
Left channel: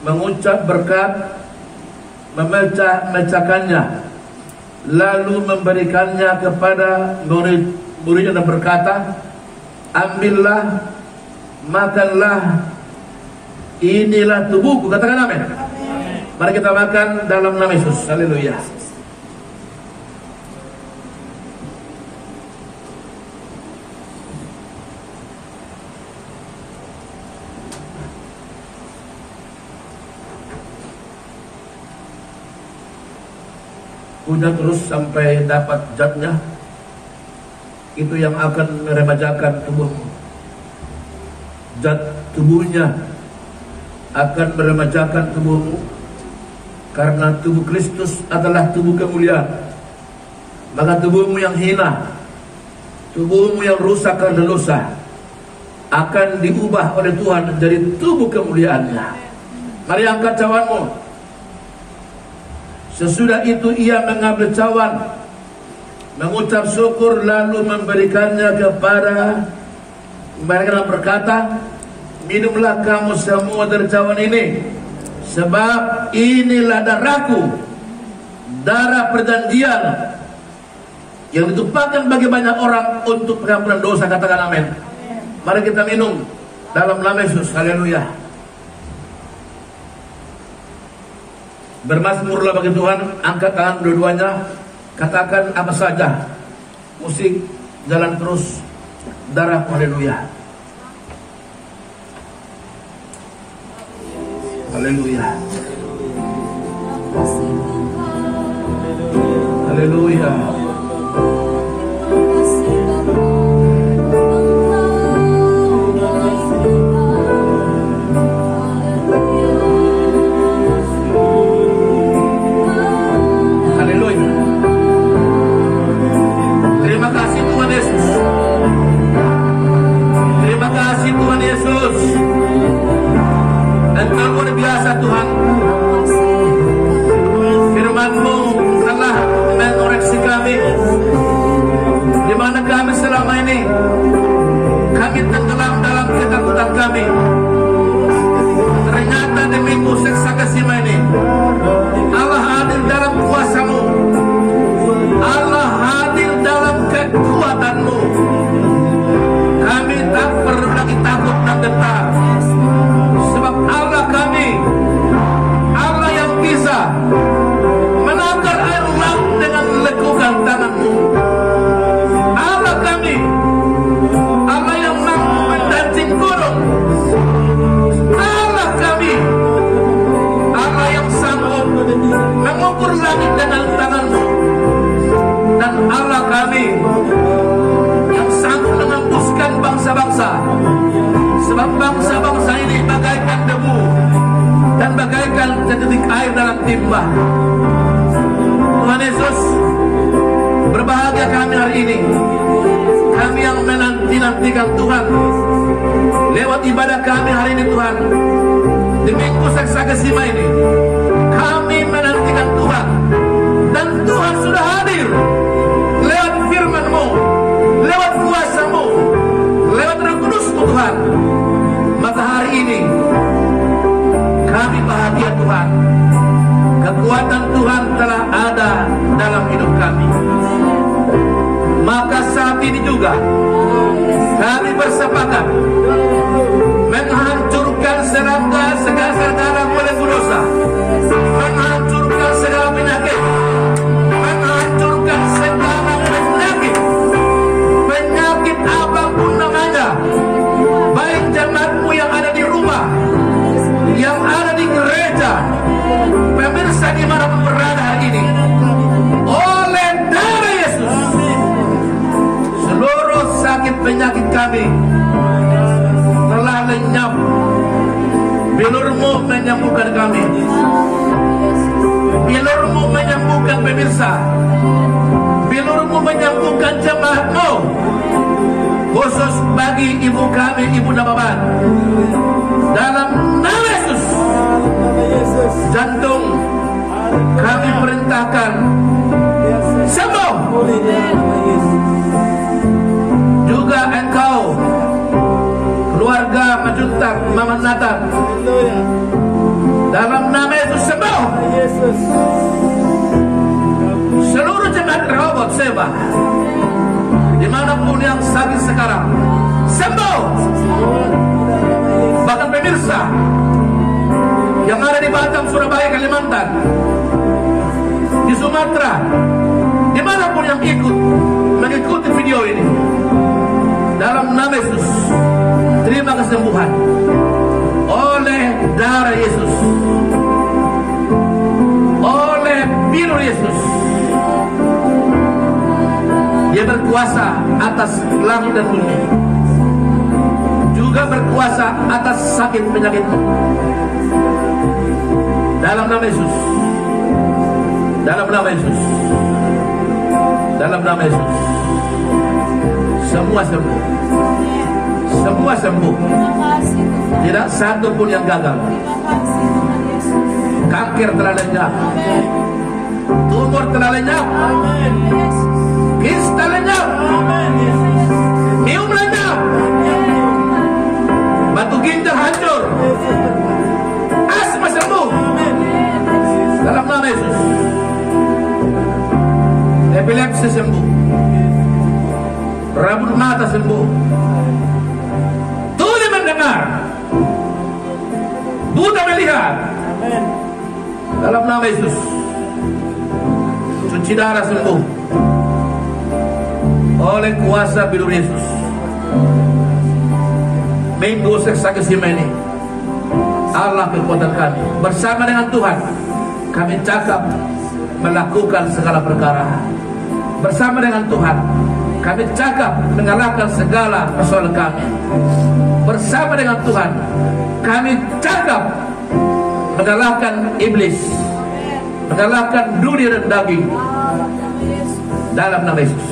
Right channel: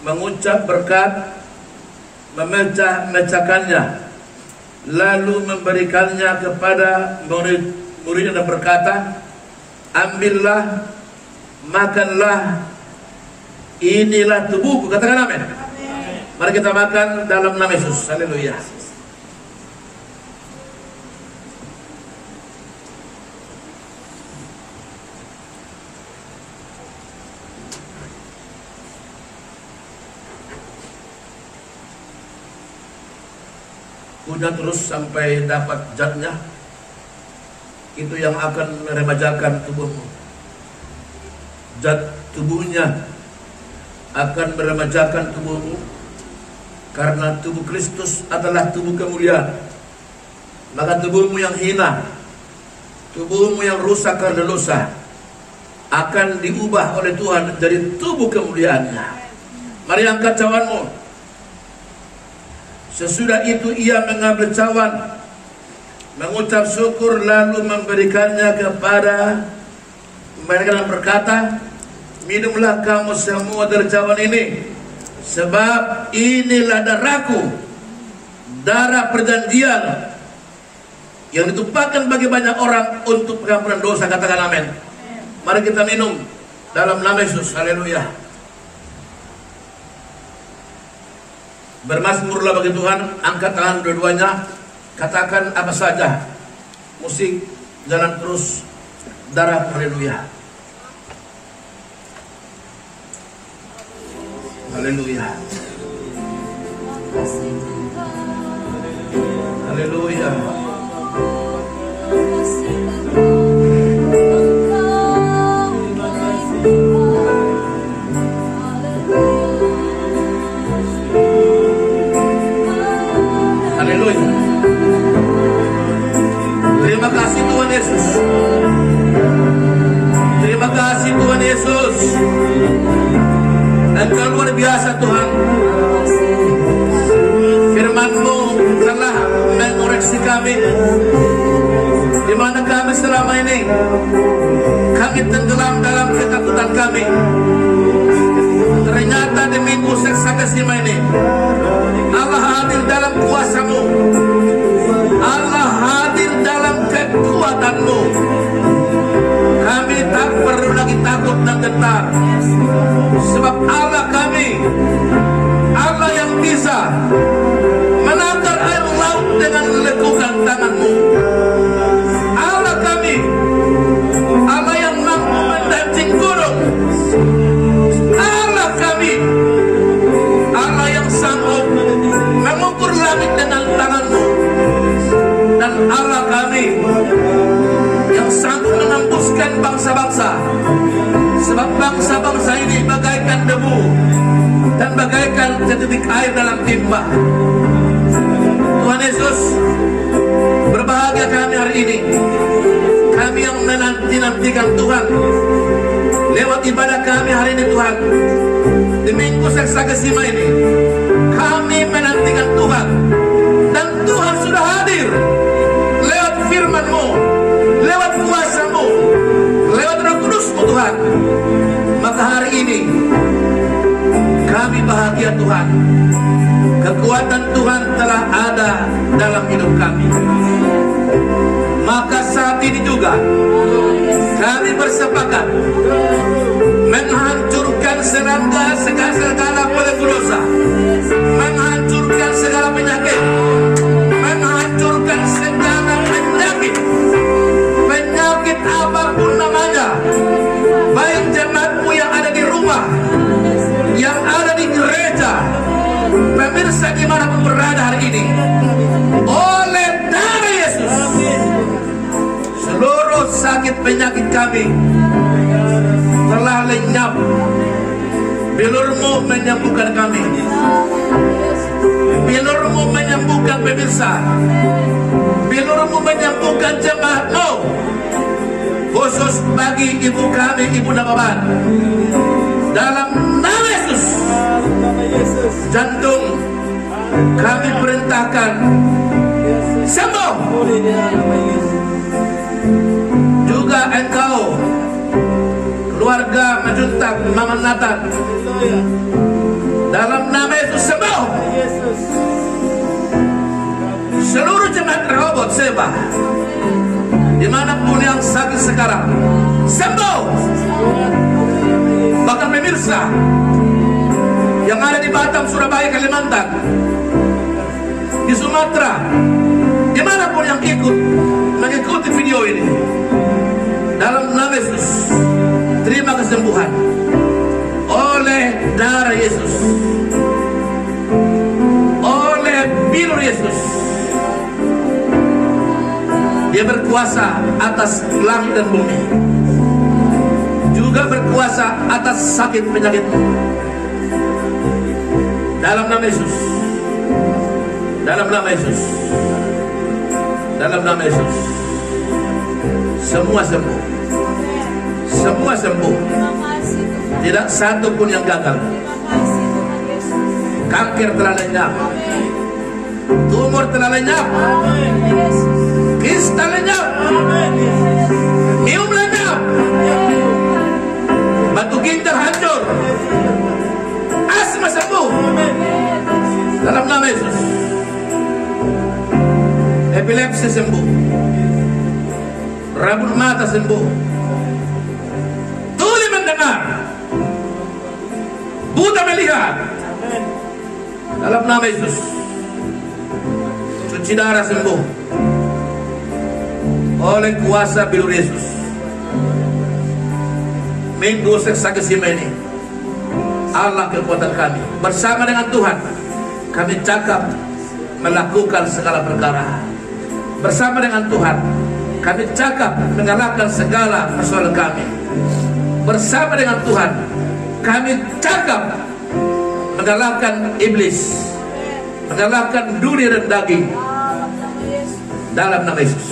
mengucap berkat, memecah-mecahkannya, lalu memberikannya kepada murid-muridnya dan berkata, ambillah, makanlah, inilah tubuhku. Katakan amin. Mari kita makan dalam nama Yesus. Haleluya. Kunyah terus sampai dapat zatnya, itu yang akan meremajakan tubuhmu. Zat tubuhnya akan meremajakan tubuhmu, karena tubuh Kristus adalah tubuh kemuliaan. Maka tubuhmu yang hina, tubuhmu yang rusak karena dosa, akan diubah oleh Tuhan menjadi tubuh kemuliaannya. Mari angkat cawanmu. Sesudah itu ia mengambil cawan, mengucap syukur, lalu memberikannya kepada mereka dan berkata, minumlah kamu semua dari cawan ini, sebab inilah darahku, darah perjanjian yang ditumpahkan bagi banyak orang untuk pengampunan dosa. Katakan amin. Mari kita minum dalam nama Yesus. Haleluya. Bermazmurlah bagi Tuhan, angkat tangan dua-duanya, katakan apa saja, musik jalan terus, darah. Haleluya. Haleluya. Haleluya. Engkau luar biasa Tuhan. Firman-Mu telah mengoreksi kami, di mana kami selama ini kami tenggelam dalam ketakutan kami. Ternyata demi Tuhan Yesus, berbahagia kami hari ini. Kami yang menanti-nantikan Tuhan lewat ibadah kami hari ini Tuhan. Di minggu Seksakesima ini kami menantikan Tuhan, dan Tuhan sudah hadir lewat firman-Mu, lewat kuasa-Mu, lewat Roh Kudus-Mu Tuhan. Maka hari ini kami bahagia Tuhan. Kekuatan Tuhan telah ada dalam hidup kami. Maka saat ini juga kami bersepakat menghancurkan segala belenggu dosa, menghancurkan segala penyakit, menghancurkan segala penyakit apapun namanya, baik jemaatmu yang ada di rumah, yang ada di gereja, pemirsa dimanapun berada hari ini, oleh darah Yesus, seluruh sakit penyakit kami telah lenyap. Bilur-Mu menyembuhkan kami, Bilur-Mu menyembuhkan pemirsa, Bilur-Mu menyembuhkan jemaat-Mu, khusus bagi ibu kami, Ibu Nababan. Dalam nama Yesus, jantung kami perintahkan sembuh. Juga engkau, keluarga Majuntak, Mama Nathan, dalam nama Yesus sembuh. Seluruh jemaat Rehoboth Seba, dimanapun yang sakit sekarang, sembuh. Bahkan pemirsa yang ada di Batam, Surabaya, Kalimantan, di Sumatera, dimanapun yang mengikuti video ini, dalam nama Yesus, terima kesembuhan oleh darah Yesus, oleh bilur Yesus. Dia berkuasa atas langit dan bumi, juga berkuasa atas sakit penyakitmu. Dalam nama Yesus, dalam nama Yesus, dalam nama Yesus, semua sembuh, semua sembuh. Tidak satu pun yang gagal. Kanker telah lenyap, tumor telah lenyap, kista lenyap, miom lenyap, batu ginjal hancur, asma sembuh dalam nama Yesus. Epilepsi sembuh, rabun mata sembuh, tuli mendengar, buta melihat dalam nama Yesus. Cuci darah sembuh oleh kuasa bilur Yesus. Minggu Seksakesima ini, Allah kekuatan kami, bersama dengan Tuhan kami cakap melakukan segala perkara. Bersama dengan Tuhan kami cakap mengalahkan segala persoalan kami. Bersama dengan Tuhan kami cakap mengalahkan iblis, mengalahkan dunia dan daging, dalam nama Yesus.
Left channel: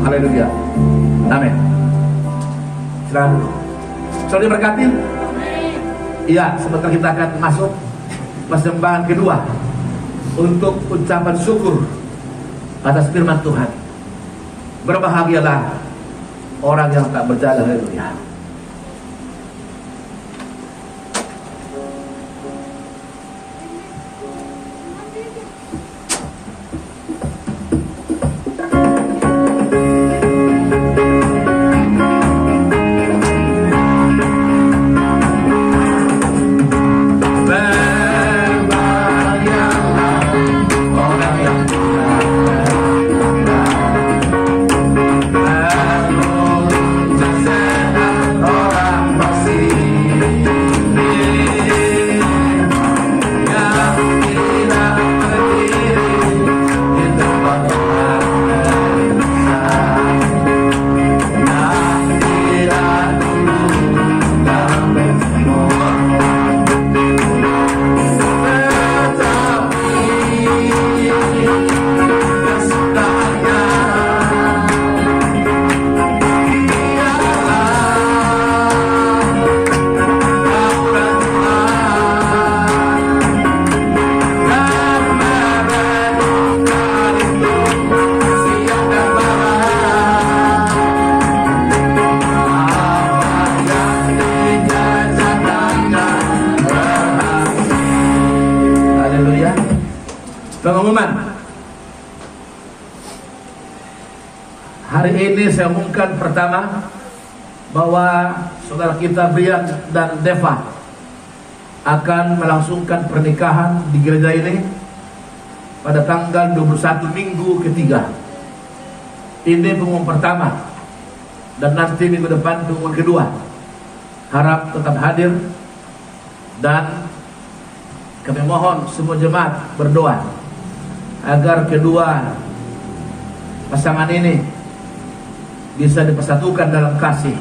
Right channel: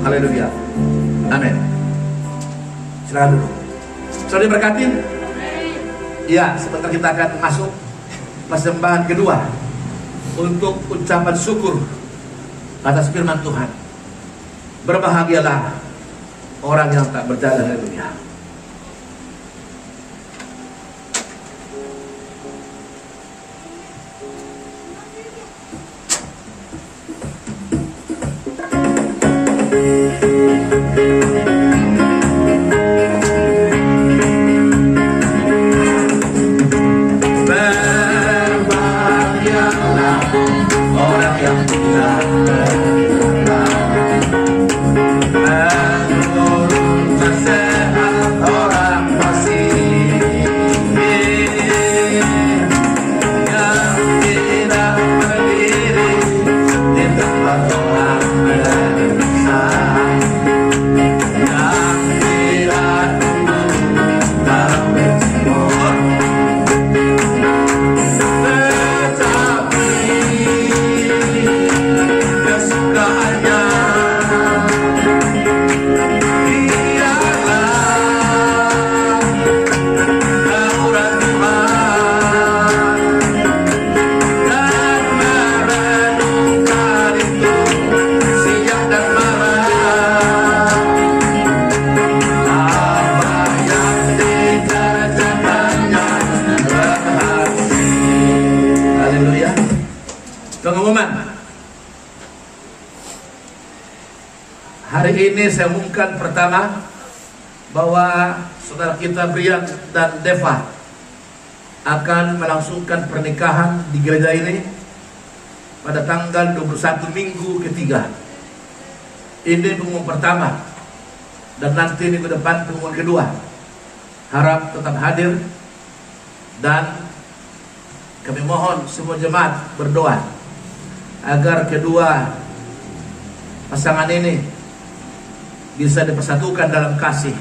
Haleluya, amin. Silakan dulu. Sudah diberkati? Iya, sebentar kita akan masuk persembahan kedua untuk ucapan syukur atas firman Tuhan. Berbahagialah orang yang tak berjalan. Haleluya. Sehat Pengumuman. Hari ini saya umumkan pertama bahwa saudara kita Brian dan Deva akan melangsungkan pernikahan di gereja ini pada tanggal 21 minggu ketiga. Ini pengumuman pertama, dan nanti minggu depan pengumuman kedua. Harap tetap hadir, dan kami mohon semua jemaat berdoa agar kedua pasangan ini bisa dipersatukan dalam kasih.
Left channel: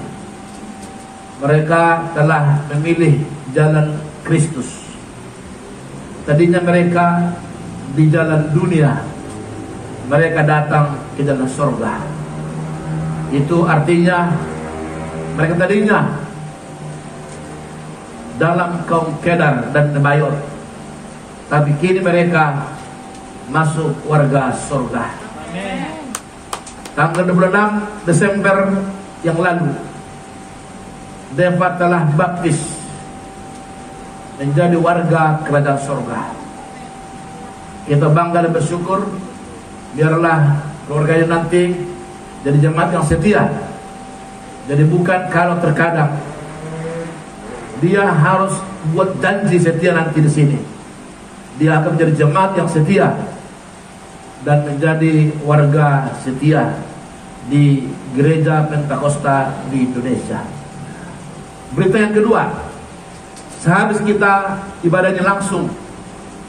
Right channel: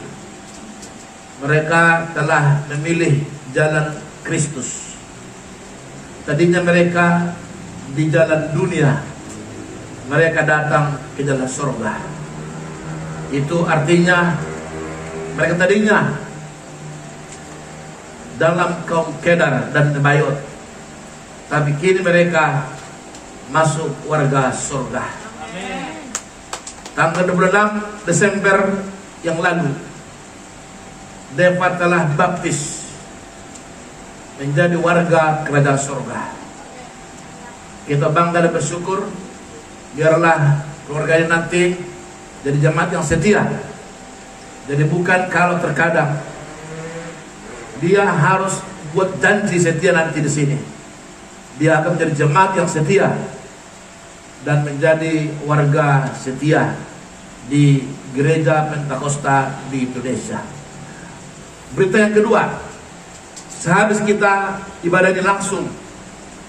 Mereka telah memilih jalan Kristus. Tadinya mereka di jalan dunia, mereka datang ke jalan surga. Itu artinya mereka tadinya dalam kaum Kedar dan Nebayot, tapi kini mereka masuk warga surga. Tanggal 26 Desember yang lalu, Deva telah baptis menjadi warga kerajaan surga. Kita bangga dan bersyukur. Biarlah keluarga ini nanti jadi jemaat yang setia. Jadi bukan kalau terkadang dia harus buat janji setia nanti di sini, dia akan menjadi jemaat yang setia dan menjadi warga setia di gereja Pentakosta di Indonesia. Berita yang kedua, sehabis kita ibadah ini langsung,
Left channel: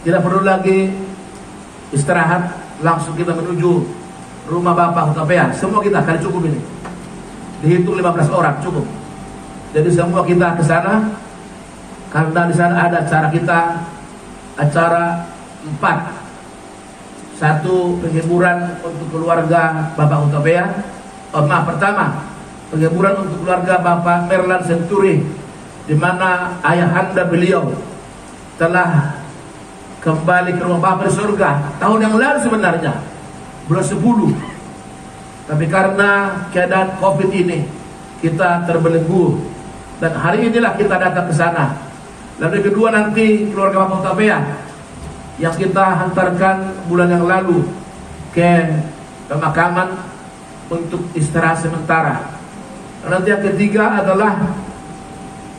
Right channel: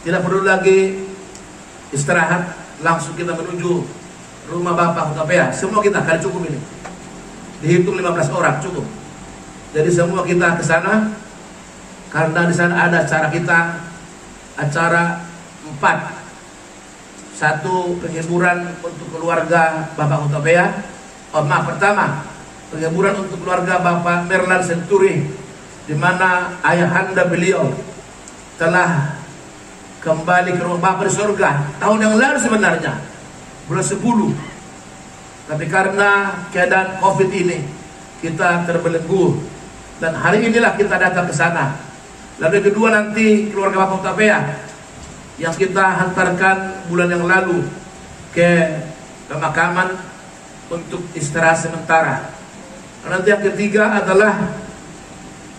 tidak perlu lagi istirahat, langsung kita menuju rumah Bapak Hutapea. Semua kita kali cukup ini, dihitung 15 orang cukup. Jadi semua kita ke sana, karena di sana ada acara kita, acara 4. Satu, penghiburan untuk keluarga Bapak Hutapea. Pertama, penghiburan untuk keluarga Bapak Merlan Senturi, di mana ayahanda beliau telah kembali ke rumah Bapak di surga tahun yang lalu sebenarnya, bulan 10. Tapi karena keadaan COVID ini, kita terbelenggu, dan hari inilah kita datang ke sana. Lalu kedua, nanti keluarga Bapak Hutapea yang kita hantarkan bulan yang lalu ke pemakaman untuk istirahat sementara. Nanti yang ketiga adalah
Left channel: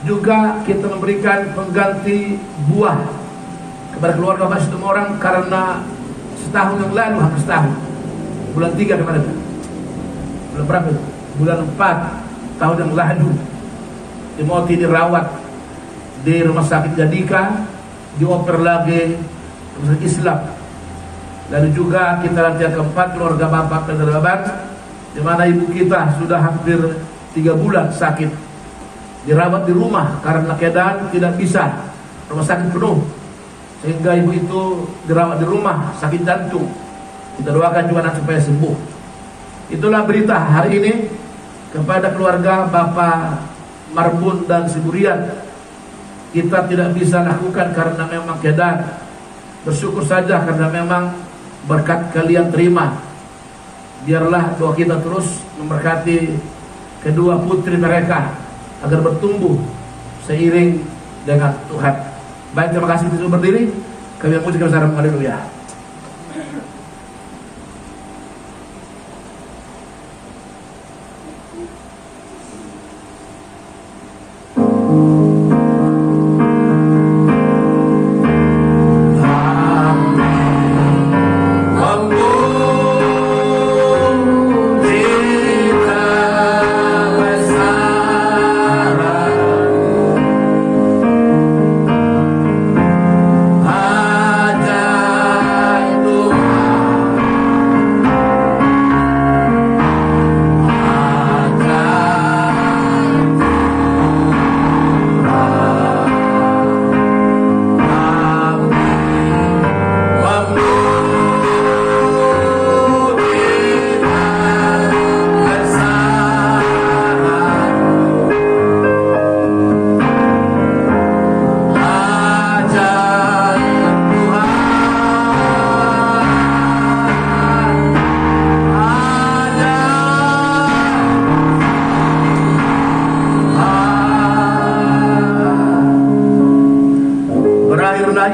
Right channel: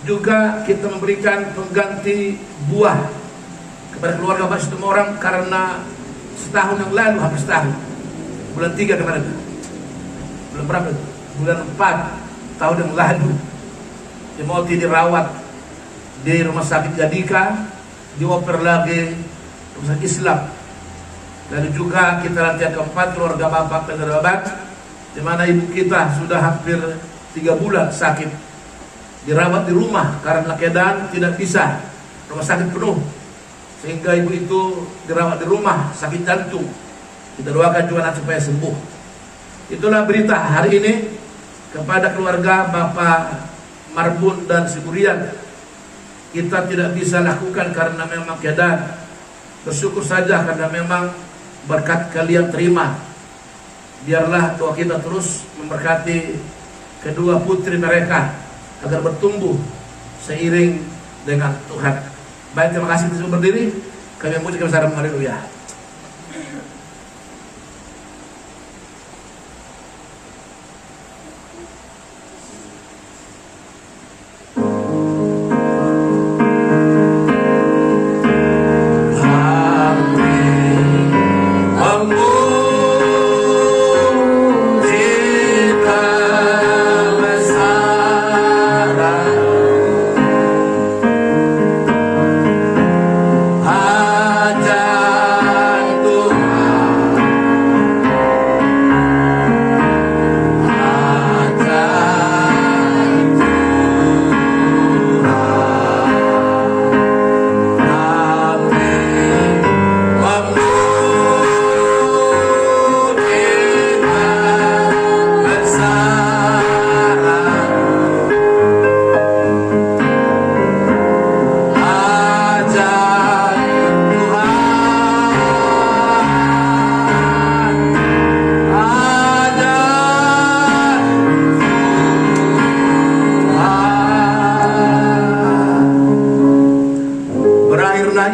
juga kita memberikan pengganti buah kepada keluarga Bapak Situmorang, karena setahun yang lalu, hampir setahun, bulan 3 kemarin, bulan berapa itu? Bulan 4 tahun yang lalu, Timothy dirawat di rumah sakit Yadika, dioper lagi rumah Islam. Lalu juga kita nanti yang keempat, keluarga Bapak Penerabat, di mana ibu kita sudah hampir 3 bulan sakit, dirawat di rumah karena keadaan tidak bisa rumah sakit penuh, sehingga ibu itu dirawat di rumah sakit jantung. Kita doakan juga supaya sembuh. Itulah berita hari ini kepada keluarga Bapak Marbun dan Suburian. Kita tidak bisa lakukan karena memang keadaan. Bersyukur saja karena memang berkat kalian terima. Biarlah doa kita terus memberkati kedua putri mereka agar bertumbuh seiring dengan Tuhan. Baik, terima kasih sudah berdiri. Kami memujikan bersama. Haleluya.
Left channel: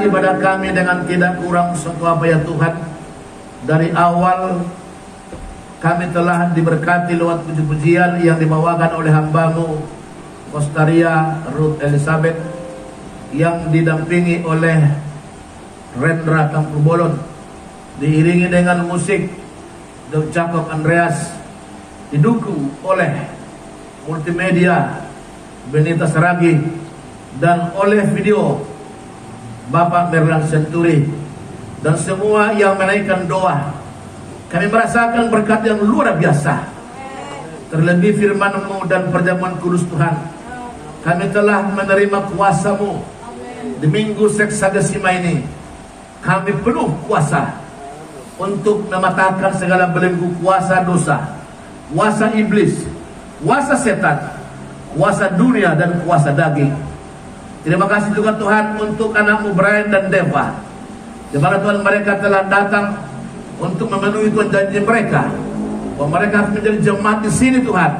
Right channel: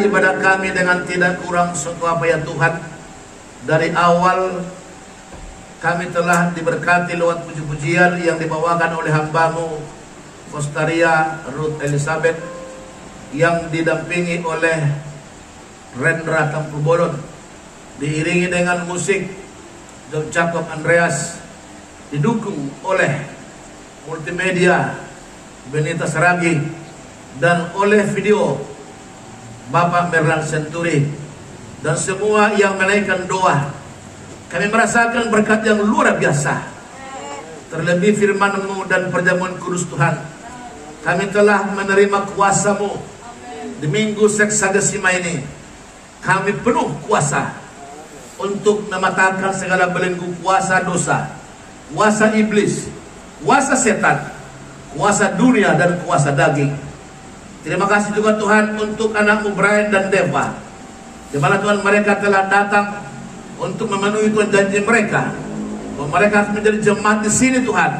Ibadah kami dengan tidak kurang suatu apa ya Tuhan. Dari awal kami telah diberkati lewat puji-pujian yang dibawakan oleh hambamu Kostaria Ruth Elizabeth, yang didampingi oleh Rendra Tampubolon, diiringi dengan musik Dr. Jacob Andreas, didukung oleh multimedia Benita Saragi, dan oleh video Bapak Merlan Senturi, dan semua yang menaikkan doa. Kami merasakan berkat yang luar biasa. Terlebih firman-Mu dan perjamuan kudus Tuhan, kami telah menerima kuasa-Mu di minggu Seksagesima ini. Kami penuh kuasa untuk mematahkan segala belenggu kuasa dosa, kuasa iblis, kuasa setan, kuasa dunia, dan kuasa daging. Terima kasih juga Tuhan untuk anak-Mu Brian dan Deva, di mana Tuhan mereka telah datang untuk memenuhi Tuhan janji mereka, bahwa mereka harus menjadi jemaat di sini Tuhan,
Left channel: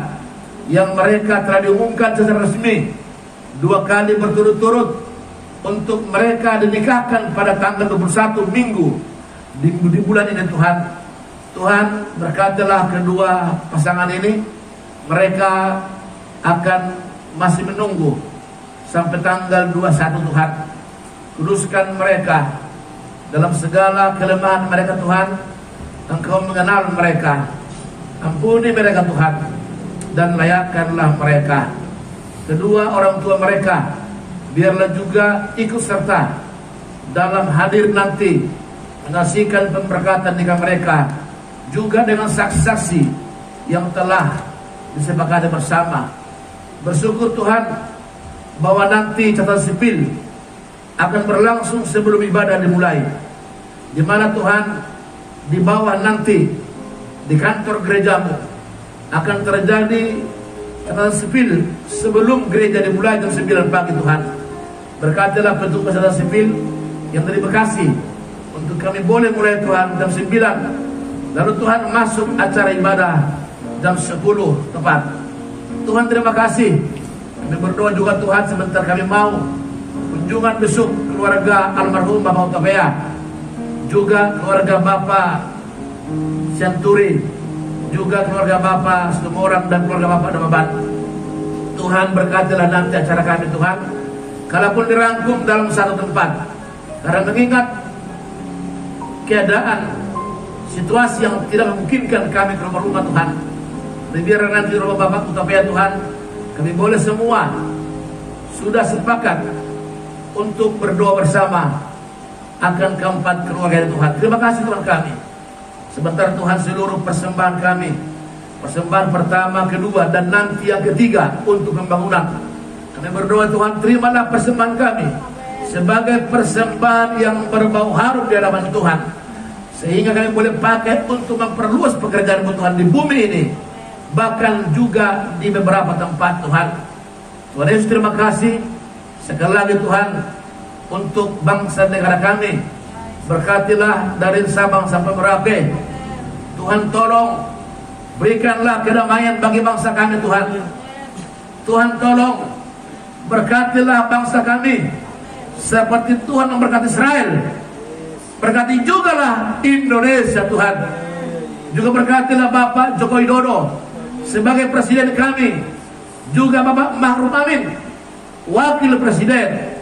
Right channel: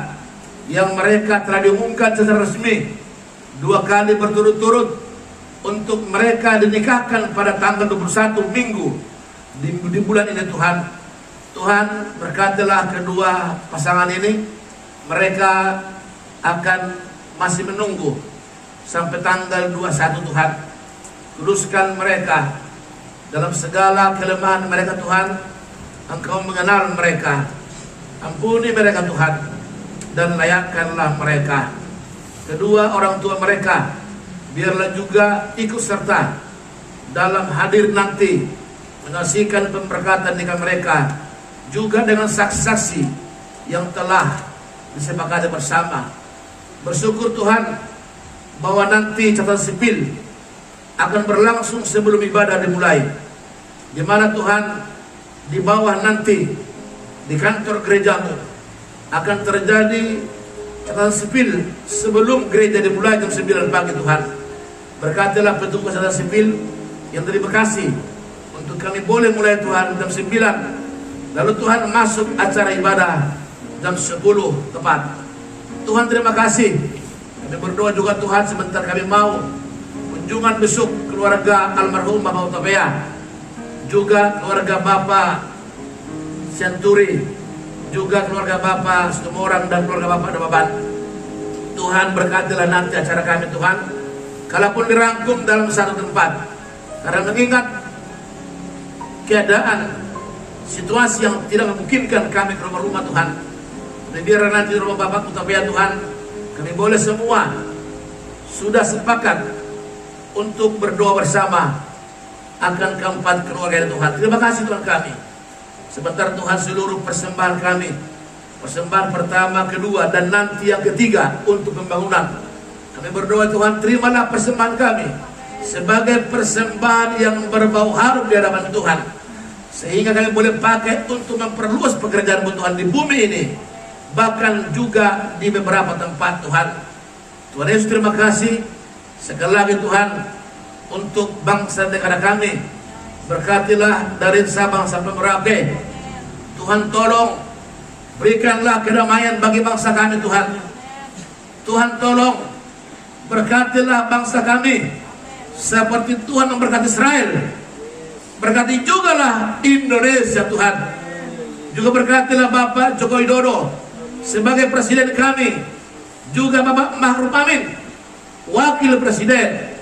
yang mereka telah diumumkan secara resmi 2 kali berturut-turut untuk mereka dinikahkan pada tanggal 21 Minggu di bulan ini Tuhan. Tuhan berkatilah kedua pasangan ini, mereka akan masih menunggu sampai tanggal 21 Tuhan. Kuduskan mereka dalam segala kelemahan mereka Tuhan. Engkau mengenal mereka, ampuni mereka Tuhan, dan layakkanlah mereka. Kedua orang tua mereka biarlah juga ikut serta dalam hadir nanti menyaksikan pemberkatan nikah mereka, juga dengan saksi-saksi yang telah disepakati bersama. Bersyukur Tuhan bahwa nanti catatan sipil akan berlangsung sebelum ibadah dimulai, di mana Tuhan di bawah nanti di kantor gerejamu akan terjadi catatan sipil sebelum gereja dimulai jam 9 pagi Tuhan. Berkatilah petugas catatan sipil yang dari Bekasi untuk kami boleh mulai Tuhan jam 9, lalu Tuhan masuk acara ibadah jam 10 tepat. Tuhan terima kasih. Kami berdoa juga Tuhan, sebentar kami mau kunjungan besok keluarga almarhum Bapak Utapea, juga keluarga Bapak Santuri, juga keluarga Bapak Sumorang, dan keluarga Bapak Dababan. Tuhan berkatilah nanti acara kami Tuhan, kalaupun dirangkum dalam satu tempat, karena mengingat keadaan situasi yang tidak memungkinkan kami ke rumah Tuhan. Biar nanti rumah Bapak Utapea Tuhan, kami boleh semua sudah sepakat untuk berdoa bersama akan keempat keluarga Tuhan. Terima kasih Tuhan kami. Sebentar Tuhan seluruh persembahan kami, persembahan pertama, kedua, dan nanti yang ketiga untuk pembangunan, kami berdoa Tuhan, terimalah persembahan kami sebagai persembahan yang berbau harum di hadapan Tuhan, sehingga kami boleh pakai untuk memperluas pekerjaan Tuhan di bumi ini, bahkan juga di beberapa tempat Tuhan. Tuhan Yesus terima kasih sekali lagi Tuhan untuk bangsa negara kami. Berkatilah dari Sabang sampai Merauke. Tuhan tolong berikanlah kedamaian bagi bangsa kami Tuhan. Tuhan tolong berkatilah bangsa kami seperti Tuhan memberkati Israel. Berkati juga lah Indonesia Tuhan. Juga berkatilah Bapak Joko Widodo sebagai presiden kami, juga Bapak Ma'ruf Amin wakil presiden,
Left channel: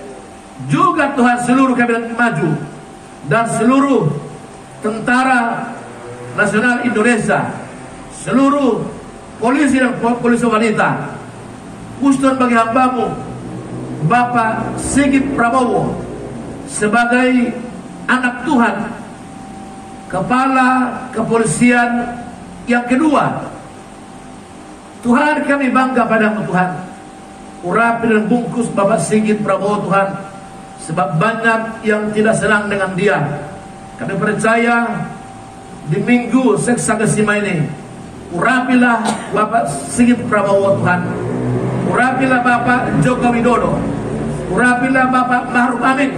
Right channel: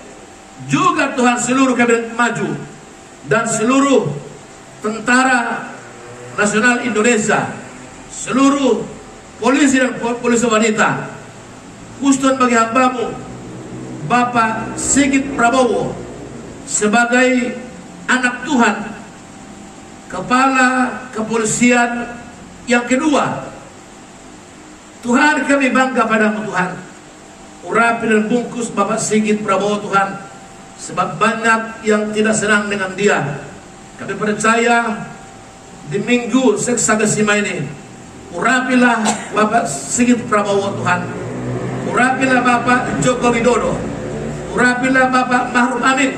juga Tuhan seluruh kabinet maju dan seluruh tentara nasional Indonesia, seluruh polisi dan polisi wanita, khusus bagi hambamu Bapak Sigit Prabowo sebagai anak Tuhan, kepala kepolisian yang kedua. Tuhan kami bangga padamu Tuhan. Urapi dan bungkus Bapak Sigit Prabowo Tuhan, sebab banyak yang tidak senang dengan dia. Kami percaya di minggu Seksagesima ini, urapilah Bapak Sigit Prabowo Tuhan, urapilah Bapak Joko Widodo, urapilah Bapak Ma'ruf Amin,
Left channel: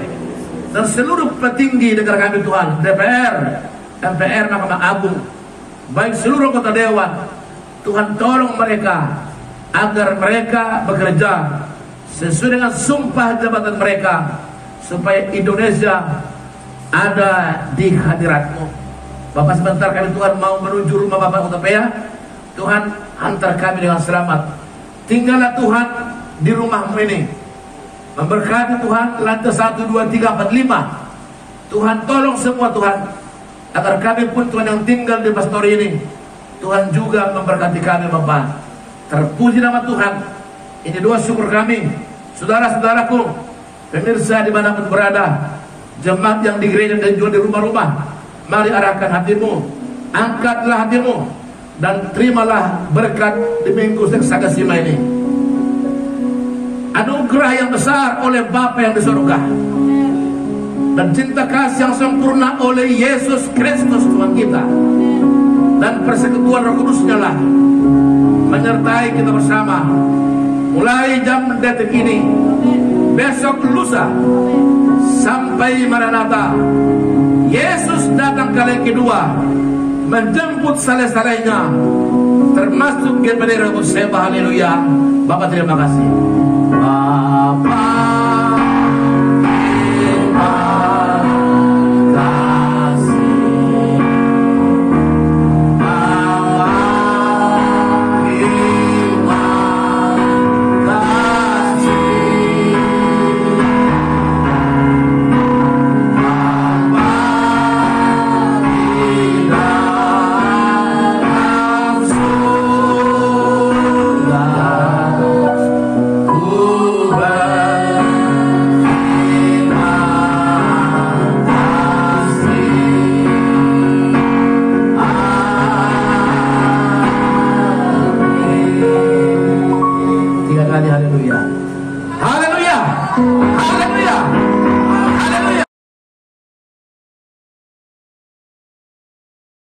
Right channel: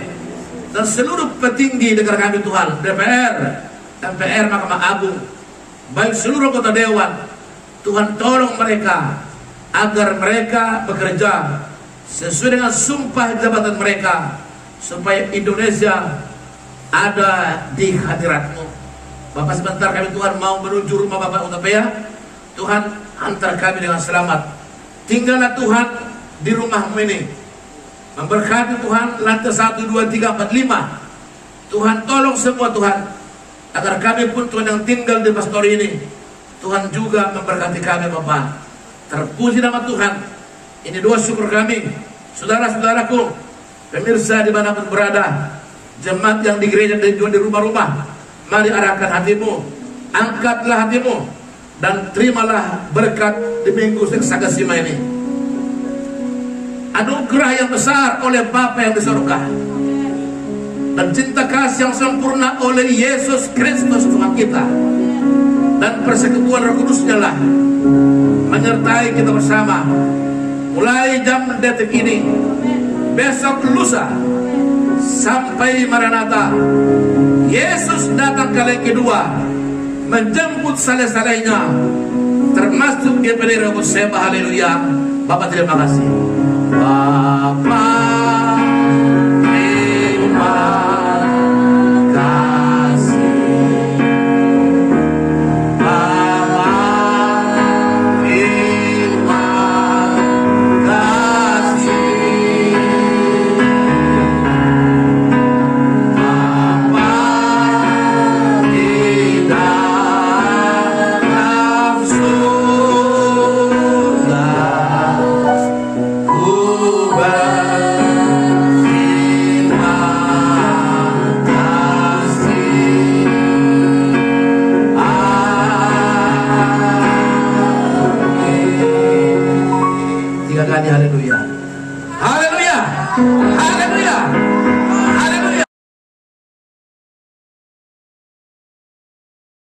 dan seluruh petinggi negara kami Tuhan, DPR, MPR, Mahkamah Agung, baik seluruh anggota dewan. Tuhan tolong mereka agar mereka bekerja sesuai dengan sumpah jabatan mereka, supaya Indonesia ada di hadirat-Mu. Bapak, sebentar kami Tuhan mau menuju rumah Bapak Utapaya. Tuhan, antar kami dengan selamat. Tinggallah Tuhan di rumahmu ini. Memberkati Tuhan lantai 1, 2, 3, 4, 5. Tuhan tolong semua Tuhan, agar kami pun Tuhan yang tinggal di pastori ini, Tuhan juga memberkati kami Bapak. Terpuji nama Tuhan. Ini doa syukur kami. Saudara-saudaraku, pemirsa dimanapun berada, jemaat yang di gereja dan juga di rumah-rumah, mari arahkan hatimu, angkatlah hatimu, dan terimalah berkat di minggu Sagasima ini. Anugerah yang besar oleh Bapa yang di surga, dan cinta kasih yang sempurna oleh Yesus Kristus Tuhan kita, dan persekutuan Roh Kudus-Nya lah menyertai kita bersama mulai jam detik ini, besok lusa, sampai Maranatha. Yesus datang kali kedua, menjemput saleh-salehnya, termasuk Gebelir Rebus Seba. Haleluya. Bapak terima kasih.